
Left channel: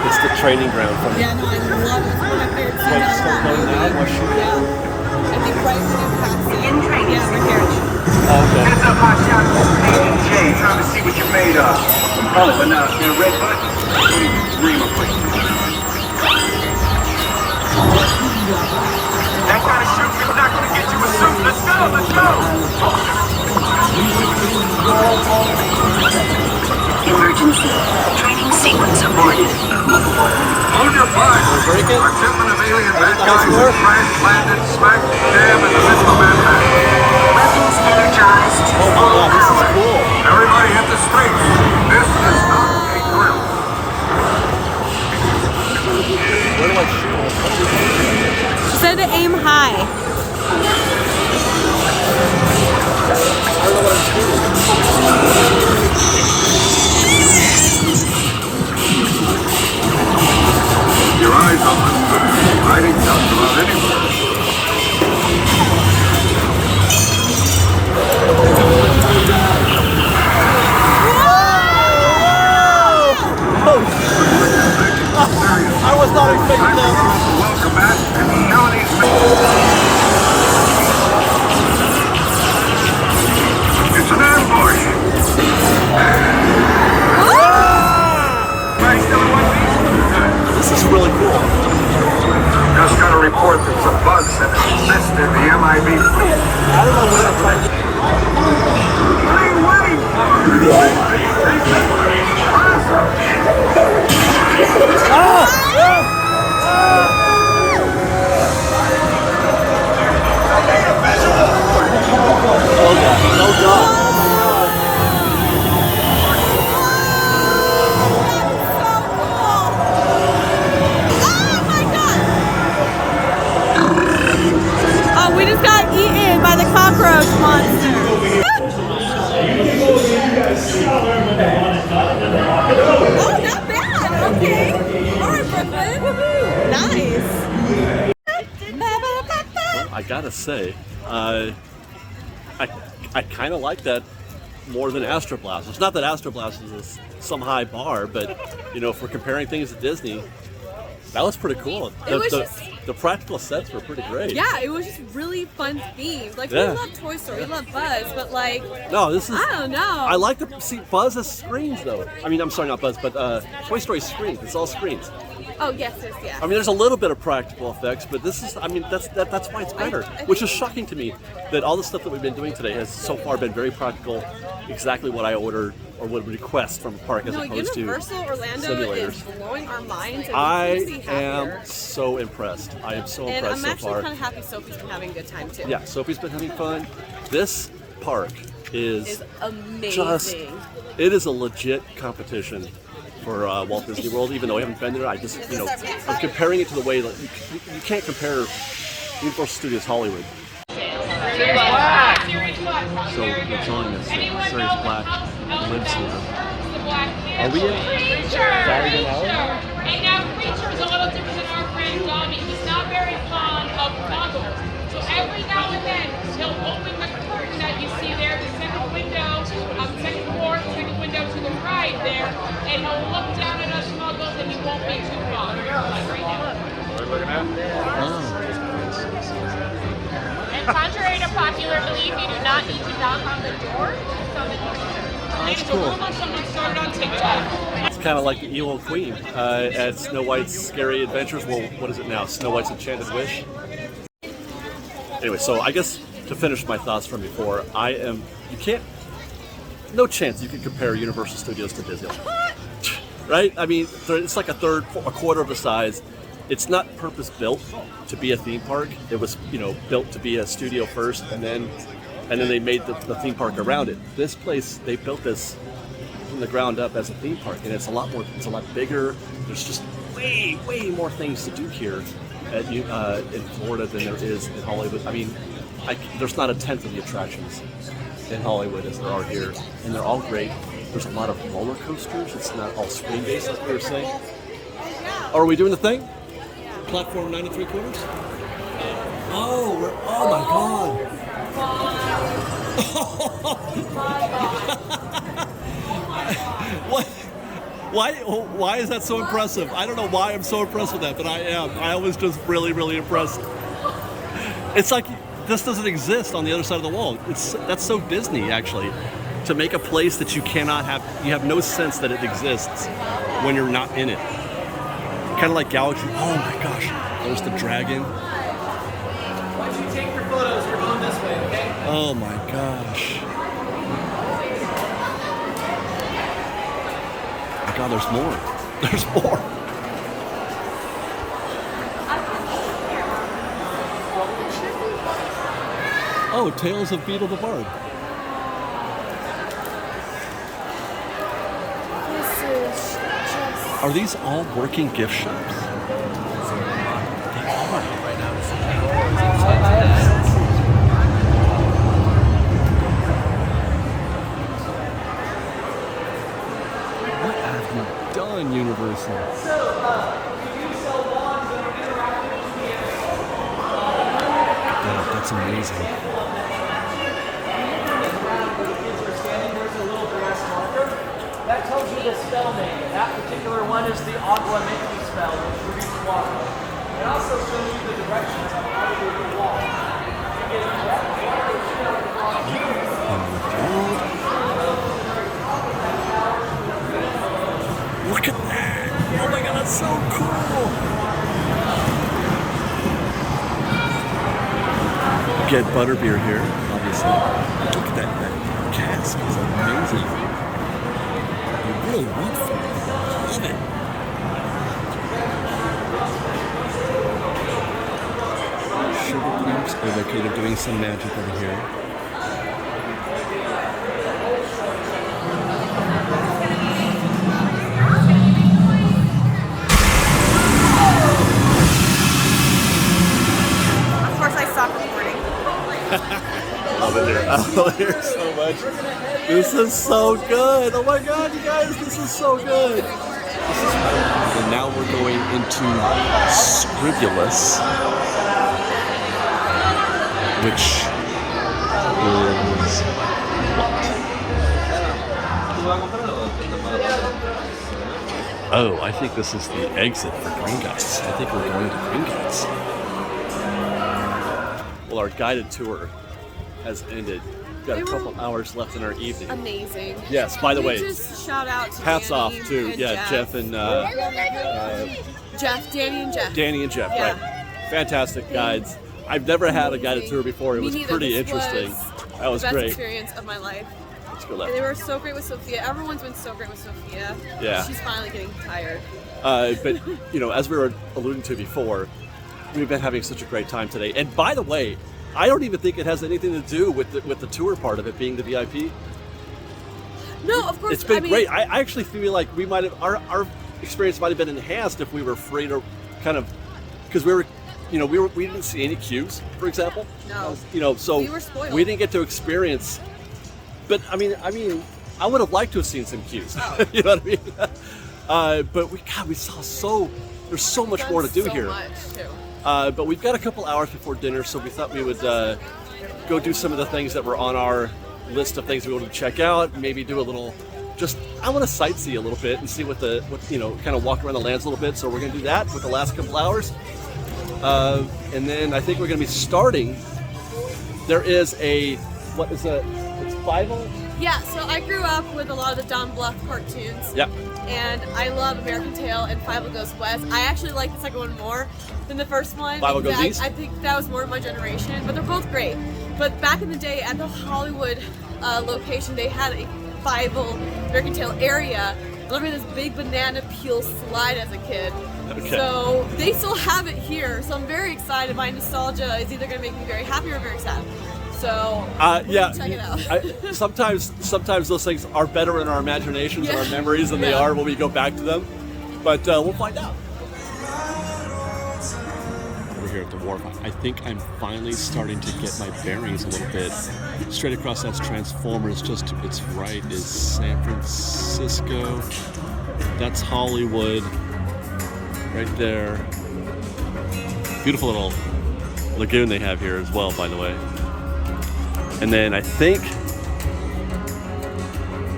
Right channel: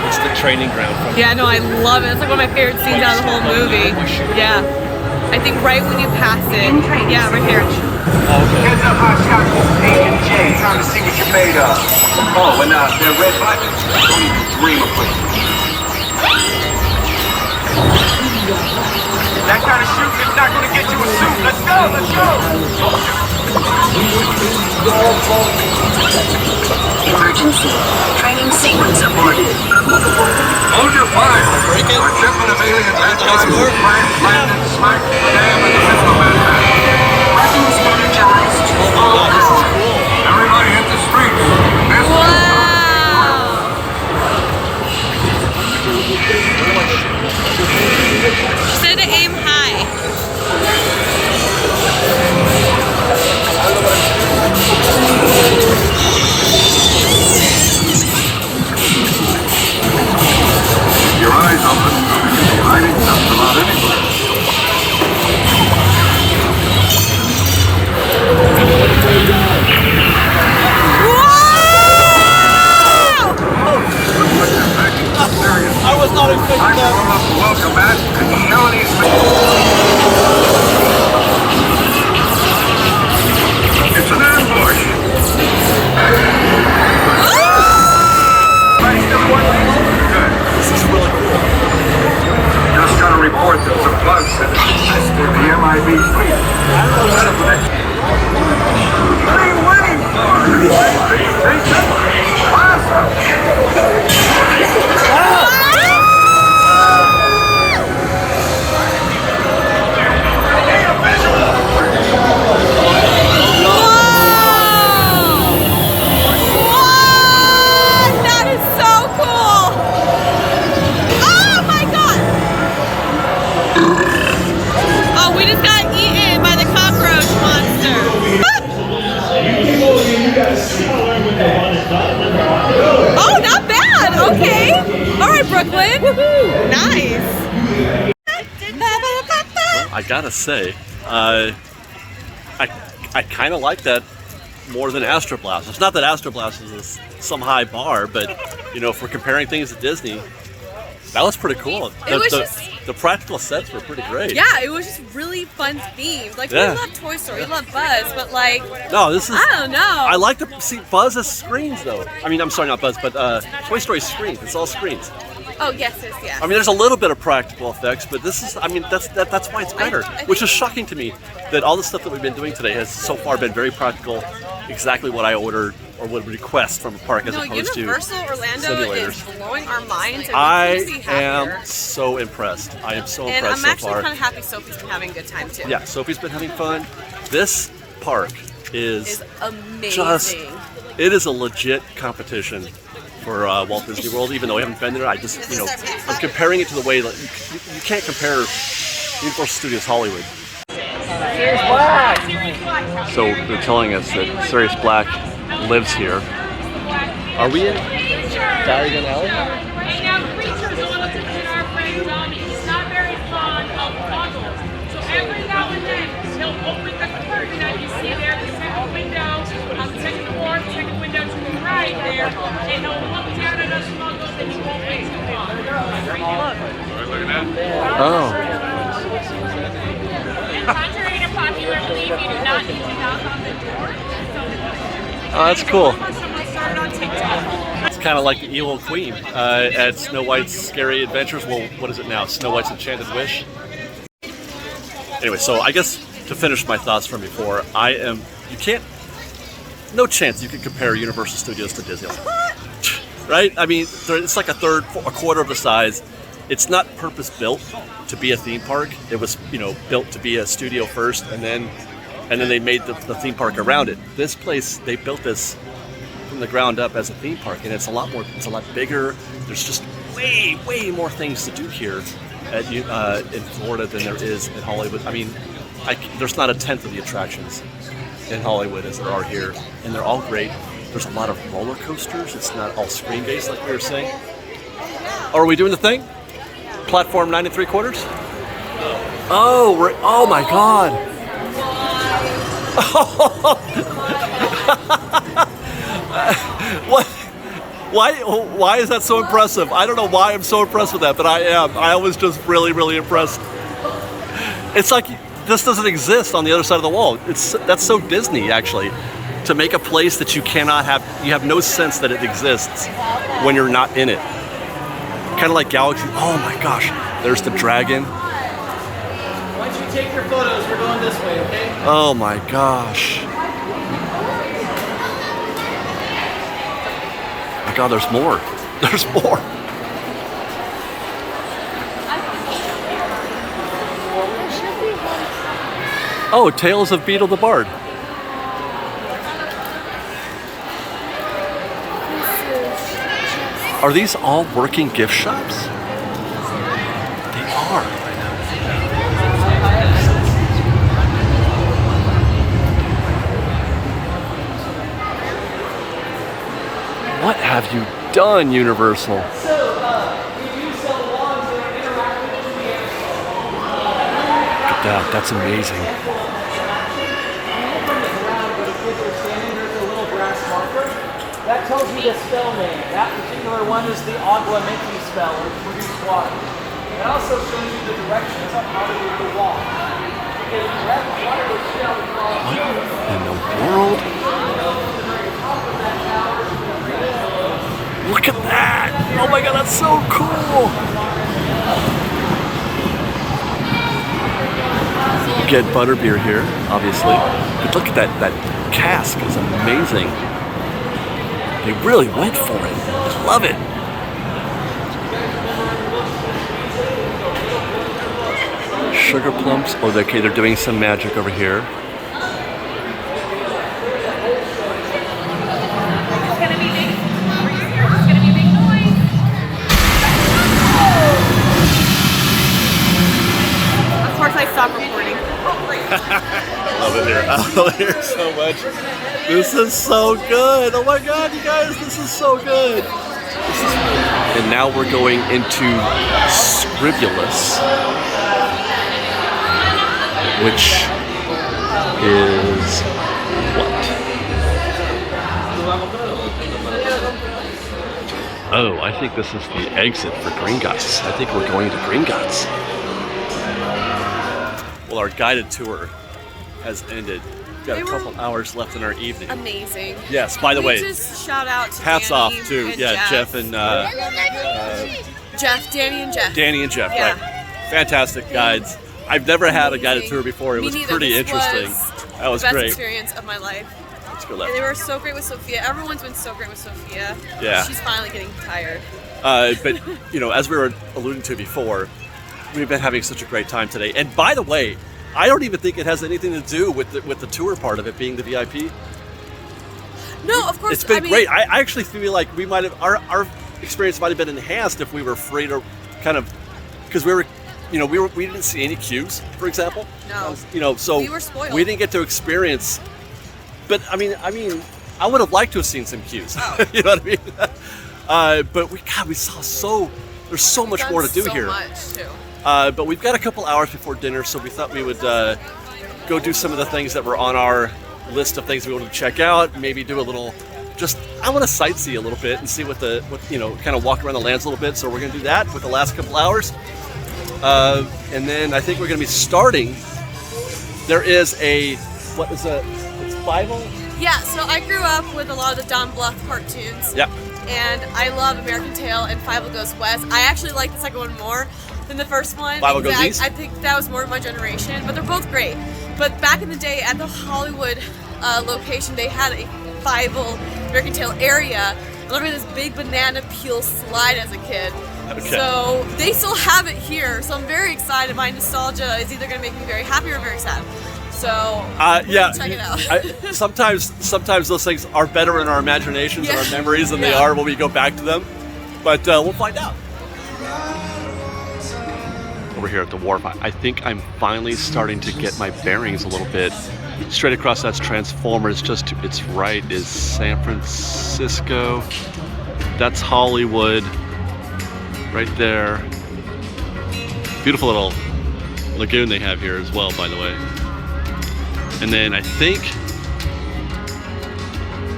It's the training ground. Yeah, no, I love it. It's like one of my favorite scenes out of the whole movie. Yeah. I think right when you pass it. Yeah, right here. Hands up, I shot this J. Time to see what you're made of. Oh, but now, they're red buttons. Don't even dream of it. That kind of shooting is not going to get you a suit. Let's go, let's go. Emergency. Training sequence aborted. Hold your fire. A shipment of alien bad guys has crashed, landed, smacked the dam in the middle of it. Weapons energized to full power. Everybody hit the streets. This She said to aim high. your eyes open. Hiding just about anywhere. I was not expecting that. Welcome back. report that some bugs have infested the MIB fleet. What are you waiting for? That is so cool! Oh my god! Oh, we just got eaten by the cockroach monster. Oh, not bad. Okay. All right, Brooklyn. Nice. I gotta say, I kind of like that more than Astro Blast. It's not that Astro Blast is some high bar, but you know, if we're comparing things to Disney, that was pretty cool. The practical sets were pretty great. Yeah, it was just really fun themed. Like, we love Toy Story, we love Buzz, but like, no, this is, I don't know. I like to see Buzz as screens though. I mean, I'm sorry, not Buzz, but Toy Story screens. It's all screens. Oh, yes. I mean, there's a little bit of practical effects, but this is, I mean, that's why it's better. Which is shocking to me that all the stuff that we've been doing today has so far been very practical, exactly what I ordered or would request from a park as opposed Universal to Orlando simulators. is blowing our minds. And I am so impressed. I am so impressed so far. And I'm actually kind of happy Sophie's been having a good time too. Yeah, Sophie's been having fun. This park is amazing. It is a legit competition for Walt Disney World, even though I haven't been there. I just, you know, I'm comparing it to the way that you can't compare Universal Studios Hollywood. So they're telling us that Sirius Black lives here. Are we in Diagon Alley? And now Creature's a little different than our friend Tommy. He's not very fond of puzzles. So every now and then he'll open the curtain that you see there, the second window, the second floor, the second window to the right there, and he'll look down at us puzzles and he'll point to one. Oh. Contrary to popular belief, you do not need to knock on the door. Oh, that's cool. Started on TikTok. It's kind of like the Evil Queen at Snow White's Scary Adventures. Well, what is it now? Snow White's Enchanted Wish? Anyway, so I guess to finish my thoughts from before, no chance you can compare Universal Studios to Disneyland. Right? I mean, it's like a quarter of the size. It's not purpose-built to be a theme park. It was, you know, built to be a studio first, and then they made the theme park around it. This place, they built this from the ground up as a theme park, and it's a lot bigger. There's just way more things to do here in Florida than there is in Hollywood. I mean, there's not a tenth of the attractions in Hollywood as there are here, and they're all great. There's a lot of roller coasters. It's not all screen-based like we were saying. Are we doing the thing? Platform 9 3/4? Oh my God. What? Why is that so impressive? I don't know why I'm so impressed with that, but I am. I was just really impressed. It's like this doesn't exist on the other side of the wall. That's so Disney, actually, to make a place that you cannot have. You have no sense that it exists when you're not in it. Kind of like Galaxy. Oh my gosh, there's the dragon. Once you take your photos, we're going this way, okay? Oh my gosh. My God, there's more. There's more. Oh, Tales of Beetle the Bard. Are these all working gift shops? They are. What have you done, Universal? Look at that, that's amazing. That tells you the spell name. That particular one is the Agua Mickey spell, which produces water. It also shows you the directions of how you can walk. What in the world? Look at that! Oh my God, that's so cool! get butterbeer here, obviously. But look at that cask, it's amazing. They really went for it. I love it. Sugar plums. Oh, okay, they're doing some magic over here. I love it here. I love it here so much. This is so good. Oh my god, you guys, this is so good. And now we're going into Scribulus, which is what? Oh, I think this is the exit for Gringotts. I think we're going to Gringotts. Well, our guided tour has ended. We've got a couple hours left in our evening. Amazing. Yes, by the way, just shout out to hats Danny off to and Jeff and Danny and Jeff, Yeah. right? Fantastic guides. I've never had a guided tour before. It Me was neither. pretty This interesting. That was the best great. experience of my life. Let's go left. They were so great with Sophia. Everyone's been so great with Sophia. Yeah. She's finally getting tired. But you know, as we were alluding to before, we've been having such a great time today. And by the way, I don't even think it has anything to do with the tour part of it being the VIP. No, of course. It's been great. I actually feel like we might have our experience might have been enhanced if we were free to kind of, because we didn't see any queues, for example. No. So we were spoiled. We didn't get to experience. But I mean, I would have liked to have seen some queues. Oh. You know what I mean? But we saw there's so much more to do here. Much too. But we've got a couple hours before dinner, so we thought we would go do some of the things that were on our list of things we wanted to check out. Maybe do a little, I want to sightsee a little bit and see what kind of walk around the lands a little bit. So we're going to do that with the last couple hours. And then I think we're going to be starting. There is it's Fievel? Yeah, so I grew up with a lot of the Don Bluth cartoons. Yeah. And I love American Tail and Fievel Goes West. I actually like the second one more than the first one. Fievel Goes East? I think that was more of my generation, but they're both great. But back in the day, at the Hollywood location, they had a Fievel American Tail area. I remember this big banana peel slide as a kid. Okay. So they still have it here. So I'm very excited. My nostalgia is either going to make me very happy or very sad. So yeah, check it out. sometimes those things are better in our imaginations and our memories than they are when we go back to them. But we'll find out. Over here at the wharf, I think I'm finally starting to get my bearings a little bit. Straight across that's Transformers. Just to its right is San Francisco. That's Hollywood. Right there. Beautiful little lagoon they have here as well, by the way. And then I think,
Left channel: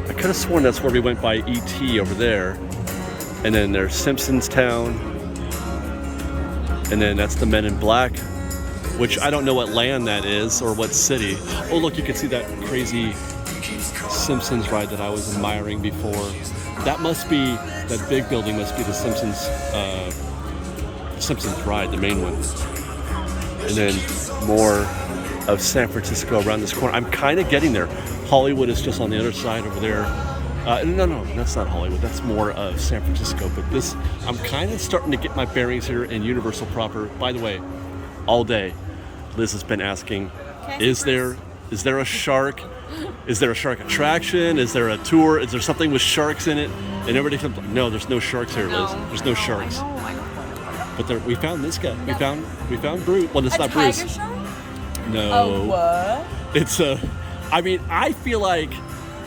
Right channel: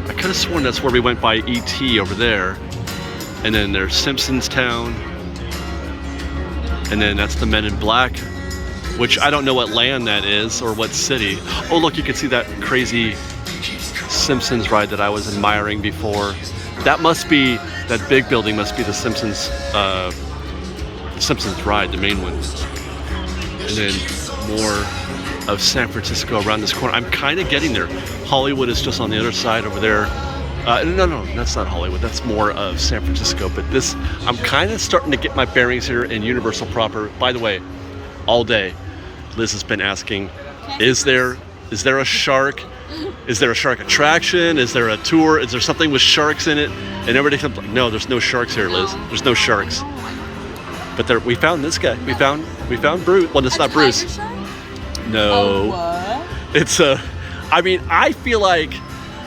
I could have sworn that's where we went by E.T. over there. And then there's Simpsons Town. And then that's the Men in Black, which I don't know what land that is or what city. Oh, look, you can see that crazy Simpsons ride that I was admiring before. That big building must be the Simpsons Ride, the main one. And then more of San Francisco around this corner. I'm kind of getting there. Hollywood is just on the other side over there. No, that's not Hollywood. That's more of San Francisco. But I'm kind of starting to get my bearings here in Universal proper. By the way, all day, Liz has been asking, is there a shark? Is there a shark attraction? Is there a tour? Is there something with sharks in it? And everybody comes like, no, there's no sharks here, Liz. There's no sharks. But we found this guy. We found Bruce. Well, it's not Bruce. No. What? It's I feel like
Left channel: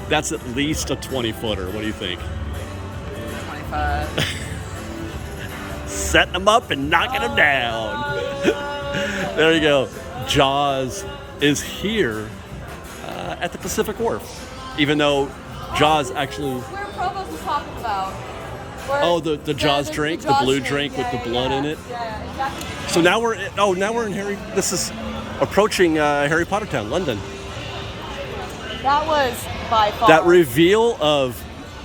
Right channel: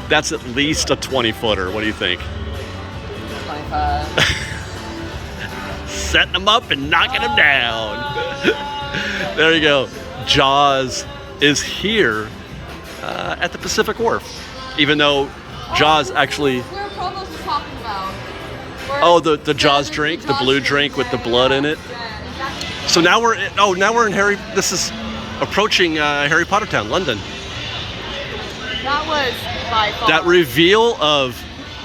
that's at least a 20-footer. What do you think? 25. Setting them up and knocking them down. There you go. Jaws is here at the Pacific Wharf. Even though Jaws actually... Where Provost was talking about. The Jaws drink, the blue drink with the blood in it. Yeah, exactly. So now we're in this is approaching Harry Potter Town, London. That was by far. That reveal of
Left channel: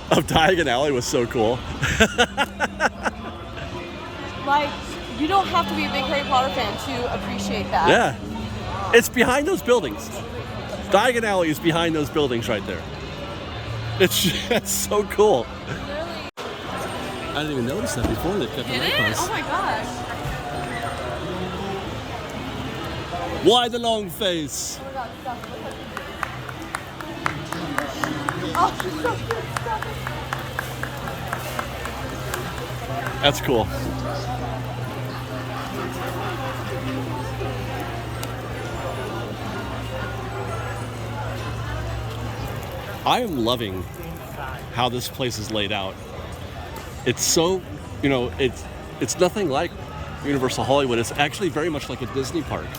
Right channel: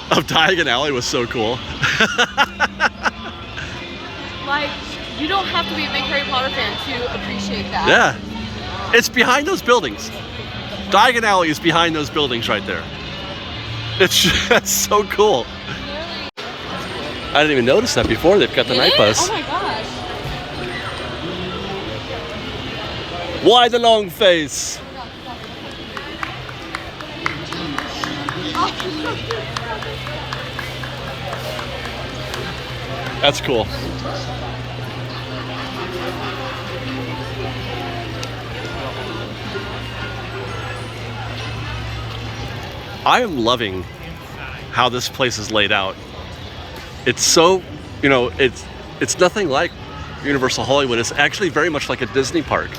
Diagon Alley was so cool. Like, you don't have to be a big Harry Potter fan to appreciate that. Yeah. It's behind those buildings. Diagon Alley is behind those buildings right there. That's so cool. I didn't even notice that before. They've got the night bus. Oh my gosh. Why the long face? That's cool. I am loving how this place is laid out. It's so, you know, it's nothing like Universal Hollywood. It's actually very much like a Disney park.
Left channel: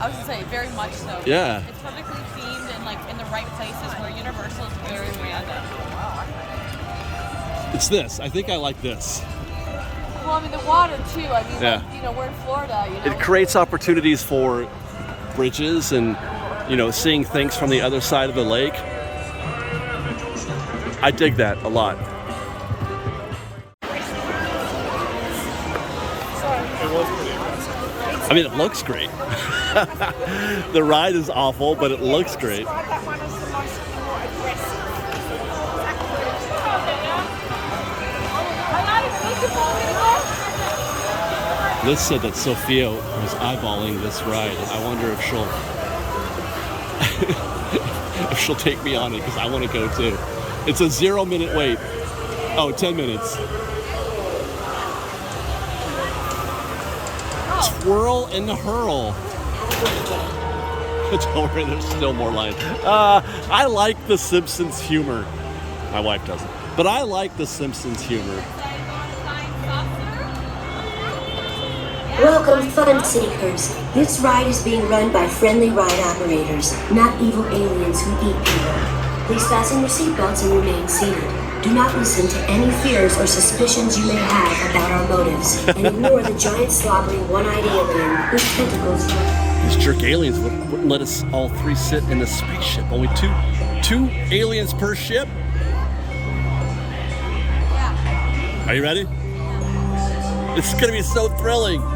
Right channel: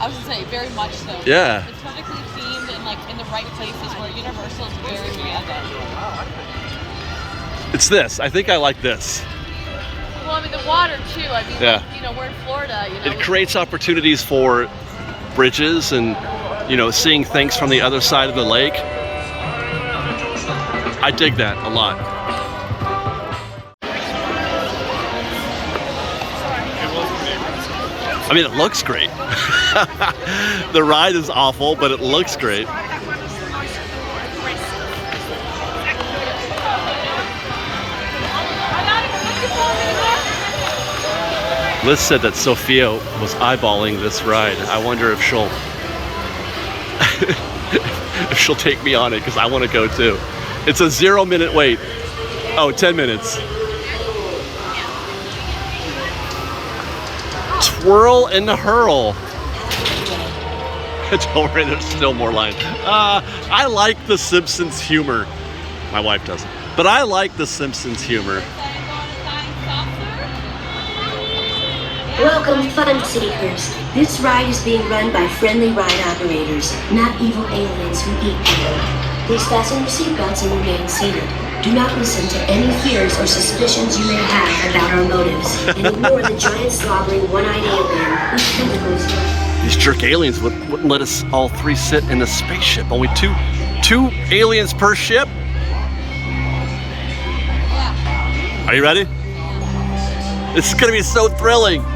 I was gonna say, very much so. Yeah. It's perfectly themed and like in the right places where Universal is very random. It's this. I think I like this. Well, I mean, the water too. I mean, Yeah. you know, we're in Florida. You know? It creates opportunities for bridges and, you know, seeing things from the other side of the lake. I dig that a lot. I mean, it looks great. The ride is awful, but it looks great. Liz said that Sophia was eyeballing this ride. I wonder if she'll if she'll take me on it, because I want to go too. It's a 0-minute wait. Oh, 10 minutes. Twirl and hurl. Don't worry, there's still more lines. I like the Simpsons humor. My wife doesn't. But I like the Simpsons humor. Welcome, fun seekers. This ride is being run by friendly ride operators, not evil aliens who eat people. Please fasten your seatbelts and remain seated. Do not listen to any fears or suspicions you may have about our motives, and ignore the giant slobbering one-eyed alien with tentacles. These jerk aliens wouldn't let us all three sit in the spaceship. Only two aliens per ship? Yeah. Are you ready? Yeah. This is gonna be so thrilling.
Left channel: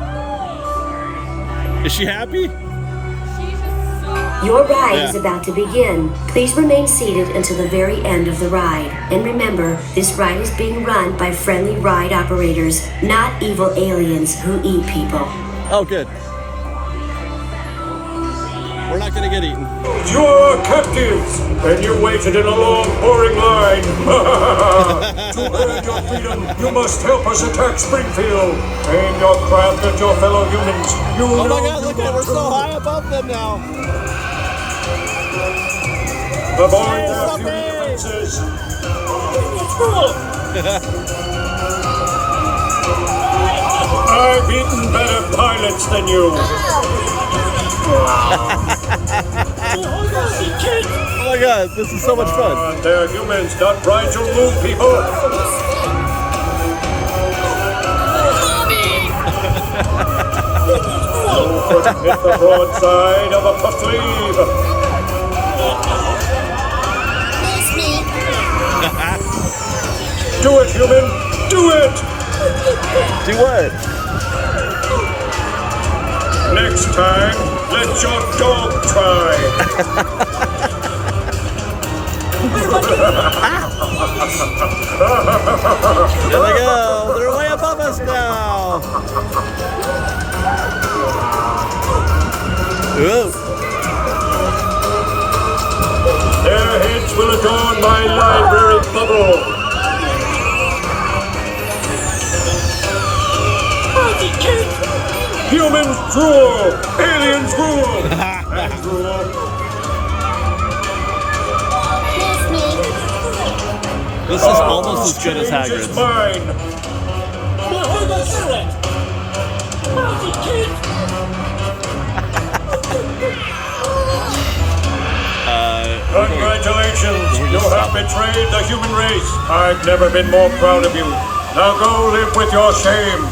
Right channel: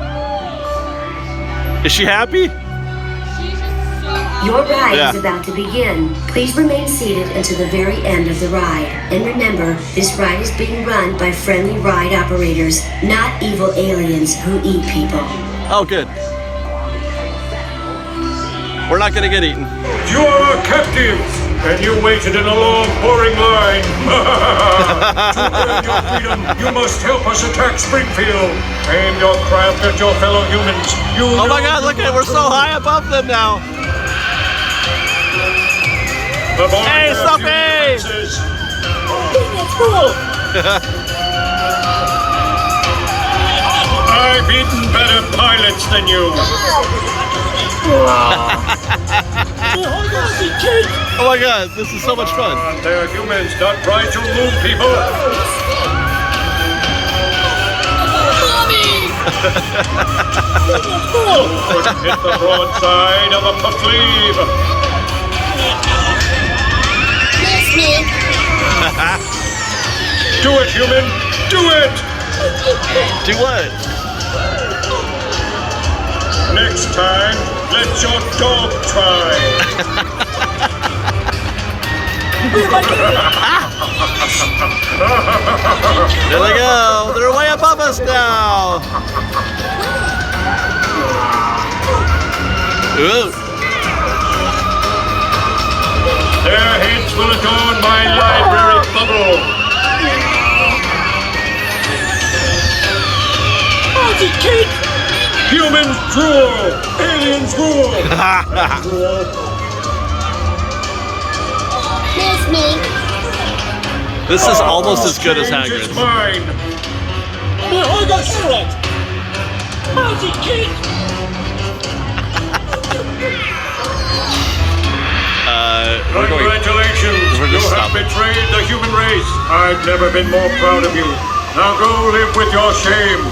Is she happy? She's just so Your ride is about to begin. Please remain seated until the very end of the ride. And remember, this ride is being run by friendly ride operators, not evil aliens who eat people. Oh, good. We're not gonna get eaten. You are captives, and you waited in a long, boring line. To earn your freedom, you must help us attack Springfield. Aim your craft at your fellow humans. Oh my God, look at it, we're so high above them now. Hey, Sophie! I've eaten better pilots than you. Oh my God, this is so much fun. They're humans, not trying to move people. Mommy! Hit the broadside of a puff sleeve. Miss me. Do it, human. Do it. Do what? Next time, let your dog try. There they go. They're way above us now. Ooh. Their heads will adorn my library bubble. How's it cake? Humans drool! Aliens rule! Miss me. This is almost as good as Hagrid's. How's it cake? Congratulations! We're just you stopping. have betrayed the human race. I've never been more proud of you. Now go live with your shame.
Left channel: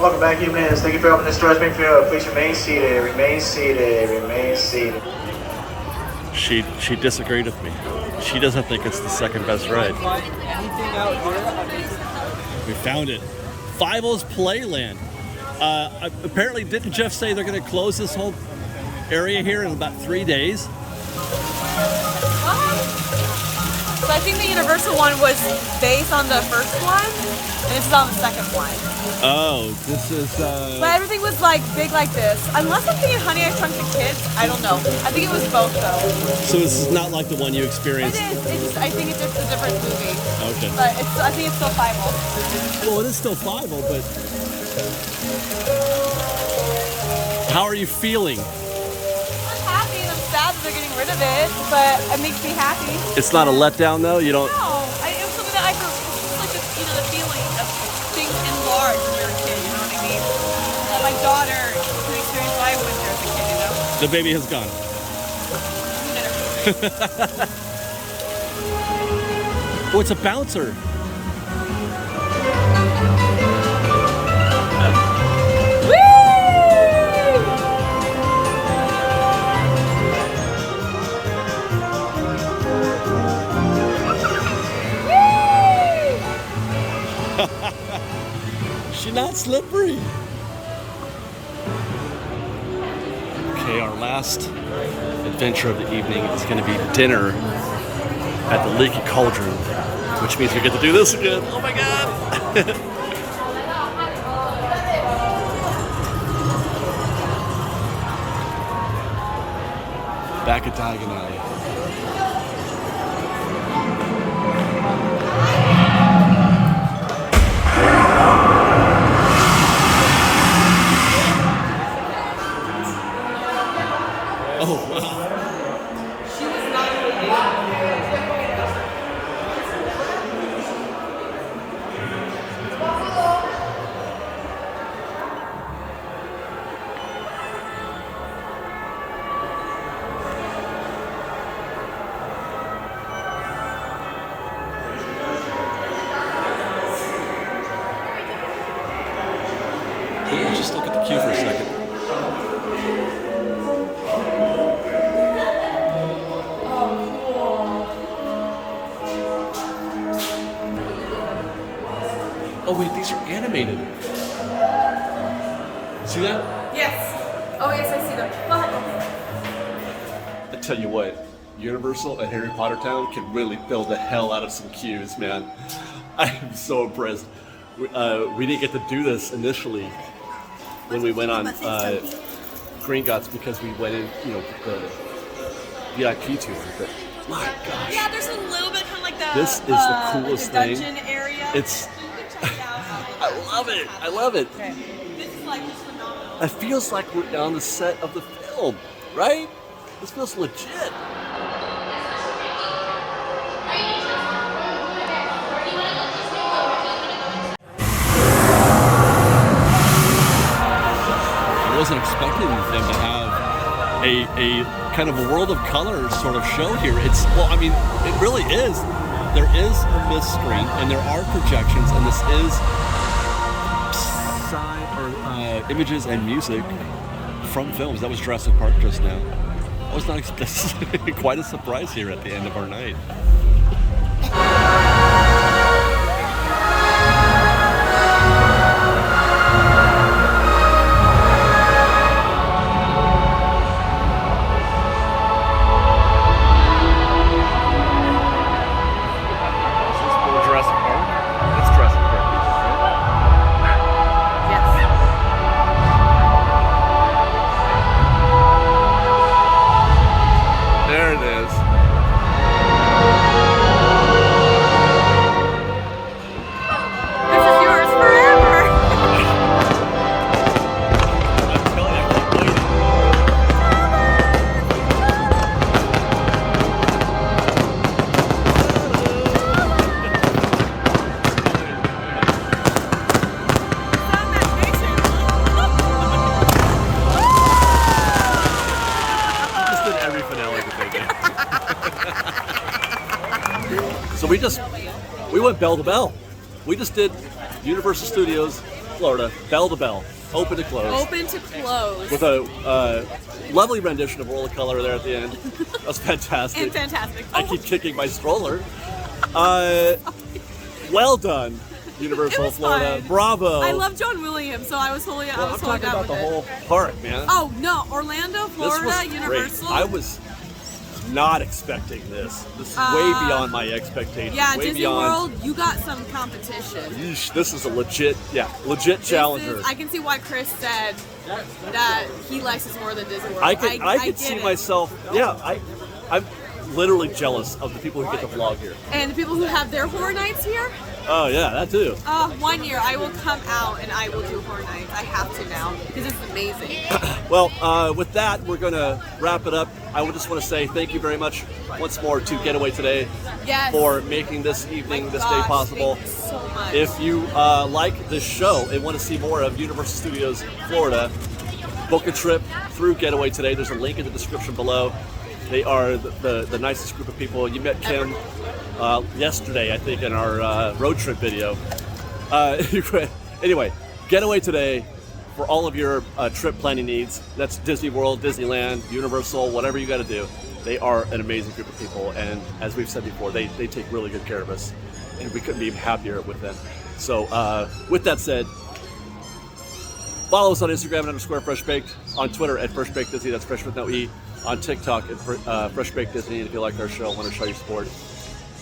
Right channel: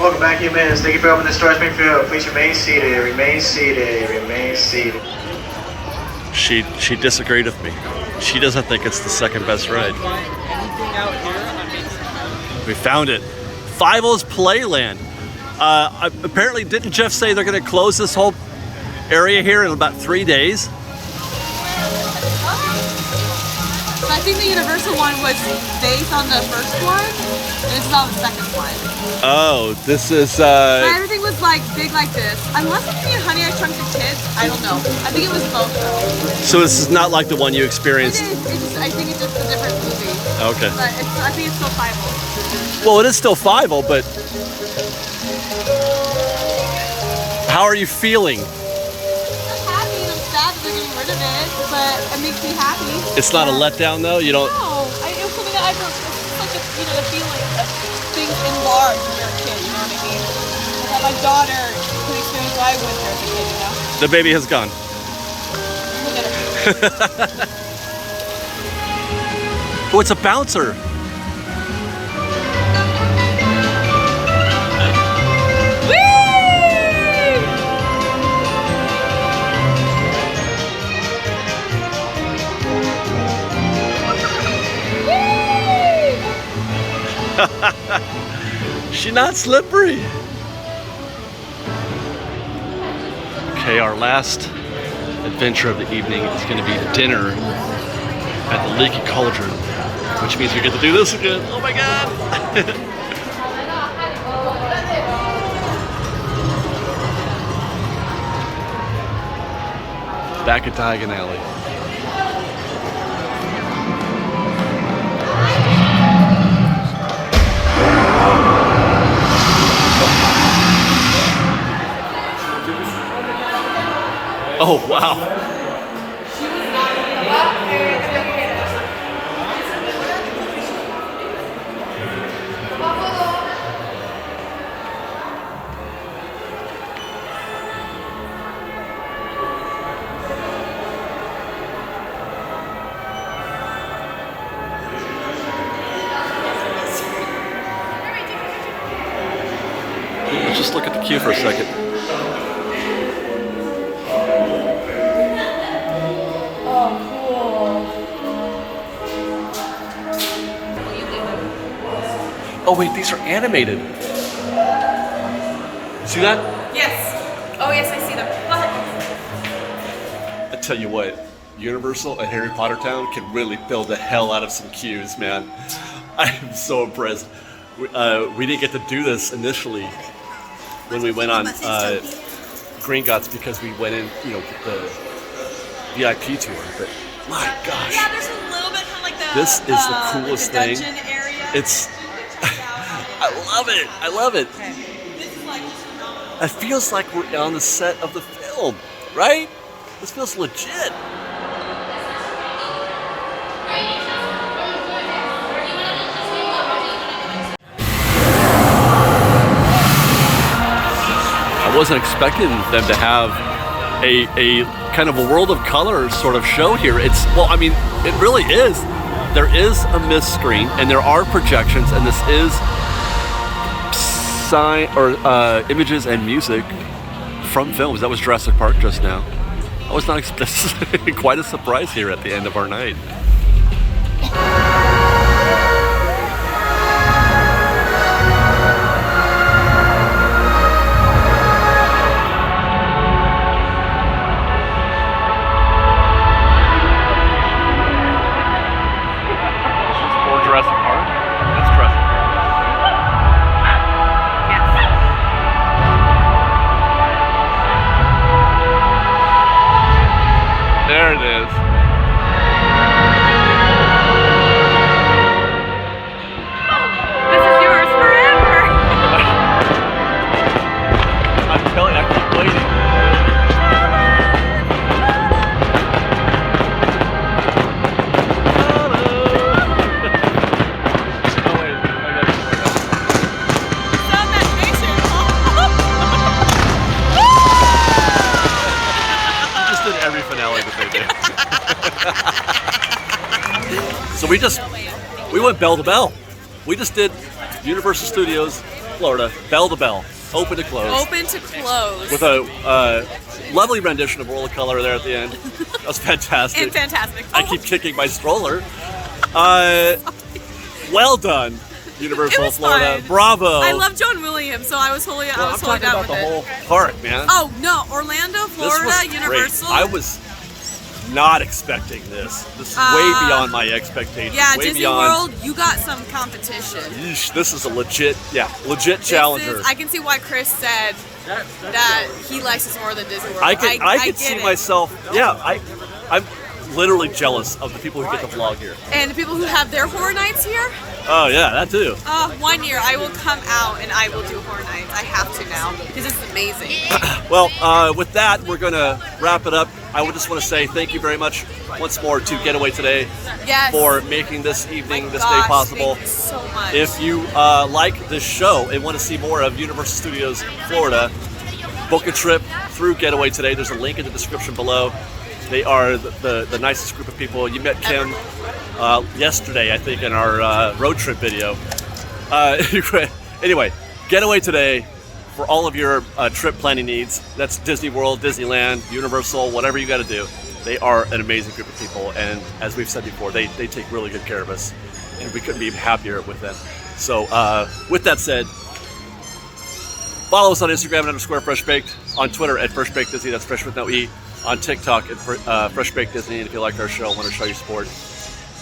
Welcome back, humans. Thank you for opening the Star Springfield. Please remain seated. Remain seated. Remain seated. She disagreed with me. She doesn't think it's the second best ride. We found it. Fievel's Playland. Apparently, didn't Jeff say they're going to close this whole area here in about 3 days? So I think the Universal one was based on the first one, and this is on the second one. Oh, this is... So everything was like big like this. Unless I'm thinking Honey, I Shrunk the Kids. I don't know. I think it was both though. So this is not like the one you experienced? It is. I think it's just a different movie. Okay. But I think it's still Fievel. Well, it is still Fievel, but... How are you feeling? I'm happy and I'm sad that they're getting rid of it, but it makes me happy. It's not a letdown though? You don't... No, it was something that it's just like the feeling of things enlarged when you're a kid, you know what I mean? And that my daughter can experience what I went through as a kid, you know? The baby has gone. Look at him. Oh, it's a bouncer. She's not slippery. Okay, our last adventure of the evening is going to be dinner at the Leaky Cauldron, which means we get to do this again. Oh my god! Back at Diagon Alley. Oh, wow. Let's just look at the queue for a second. Oh wait, these are animated. See that? Yes. Oh yes, I see them. I tell you what, Universal and Harry Potter Town can really build the hell out of some queues, man. I am so impressed. We didn't get to do this initially when we went on Gringotts because we went in, the VIP tour. But my gosh, Yeah, there's a little bit of like the this is the coolest thing. dungeon area. It's I love it. I love it. It feels like we're on the set of the film, right? This feels legit. I wasn't expecting them to have a kind of a World of Color sort of show here. It really is. There is a mist screen and there are projections, and this is images and music from films. That was Jurassic Park just now. I was not expecting quite a surprise here at the end of our night. Is this for Jurassic Park? That's Jurassic Park, right? There it is. This is yours forever. I'm telling you, I keep waiting. Every finale that they did. So we went bell to bell. We just did Universal Studios, Florida, bell to bell, open to close. Open to close. With a lovely rendition of World of Color there at the end. That was fantastic. And fantastic. I keep kicking my stroller. Well done. Universal was Florida. fun. Bravo. I love John Williams, so I was totally, Well, I'm talking down about with the it. whole park, man. Oh no, Orlando, Florida, this was Universal. Great. I was not expecting this. This is way beyond my expectations. Yeah, way Disney beyond. World, you got some competition. Yeesh, this is a legit challenger. I can see why Chris said that he likes this more than Disney World. I can get see it. myself. Yeah, I'm literally jealous of the people who get to vlog here. And the people who have their horror nights here. Oh yeah, that too. 1 year I will come out and I will do horror nights. I have to now because it's amazing. Well, with that, we're gonna wrap it up. I would just want to say thank you very much once more to GetAwayToday for making this evening, this day possible. Thank you so much. If you like this show and want to see more of Universal Studios Florida, book a trip through GetAwayToday. There's a link in the description below. They are the nicest group of people. You met Kim yesterday, I think, in our road trip video. Anyway, GetAwayToday for all of your trip planning needs. That's Disney World, Disneyland, Universal, whatever you got to do. They are an amazing group of people, and as we've said before, they take really good care of us, and we couldn't be happier with them. So with that said, follow us on Instagram at _FreshBaked, on Twitter at FreshBakedDisney, that's Fresh with no E, on TikTok at FreshBakedDisney, and if you like our show and want to show your support,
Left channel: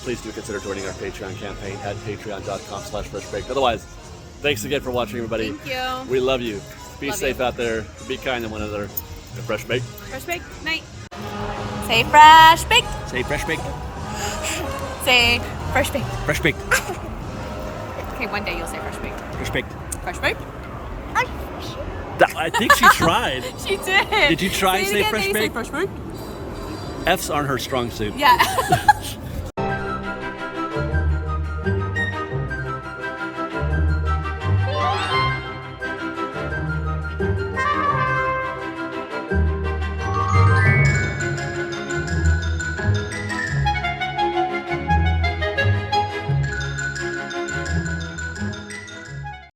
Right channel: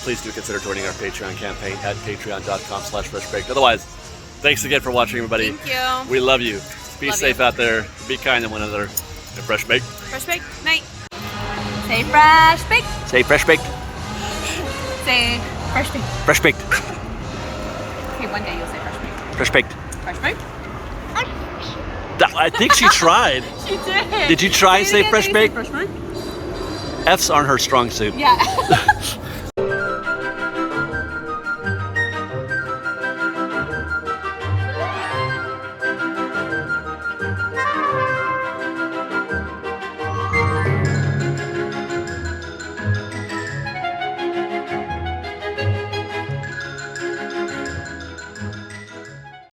please do consider joining our Patreon campaign at patreon.com/FreshBaked. Otherwise, thanks again for watching, everybody. Thank you. We love you. Be Love safe you. out there. Be kind to one another. And Fresh Baked. Fresh baked night. Say fresh baked. Say Fresh Baked. Say fresh baked. Fresh Baked. Okay, one day you'll say fresh baked. Fresh Baked. Fresh baked. I think she tried. She did. Did you try and say Say Fresh it again, Baked? you say fresh baked. F's aren't her strong suit. Yeah.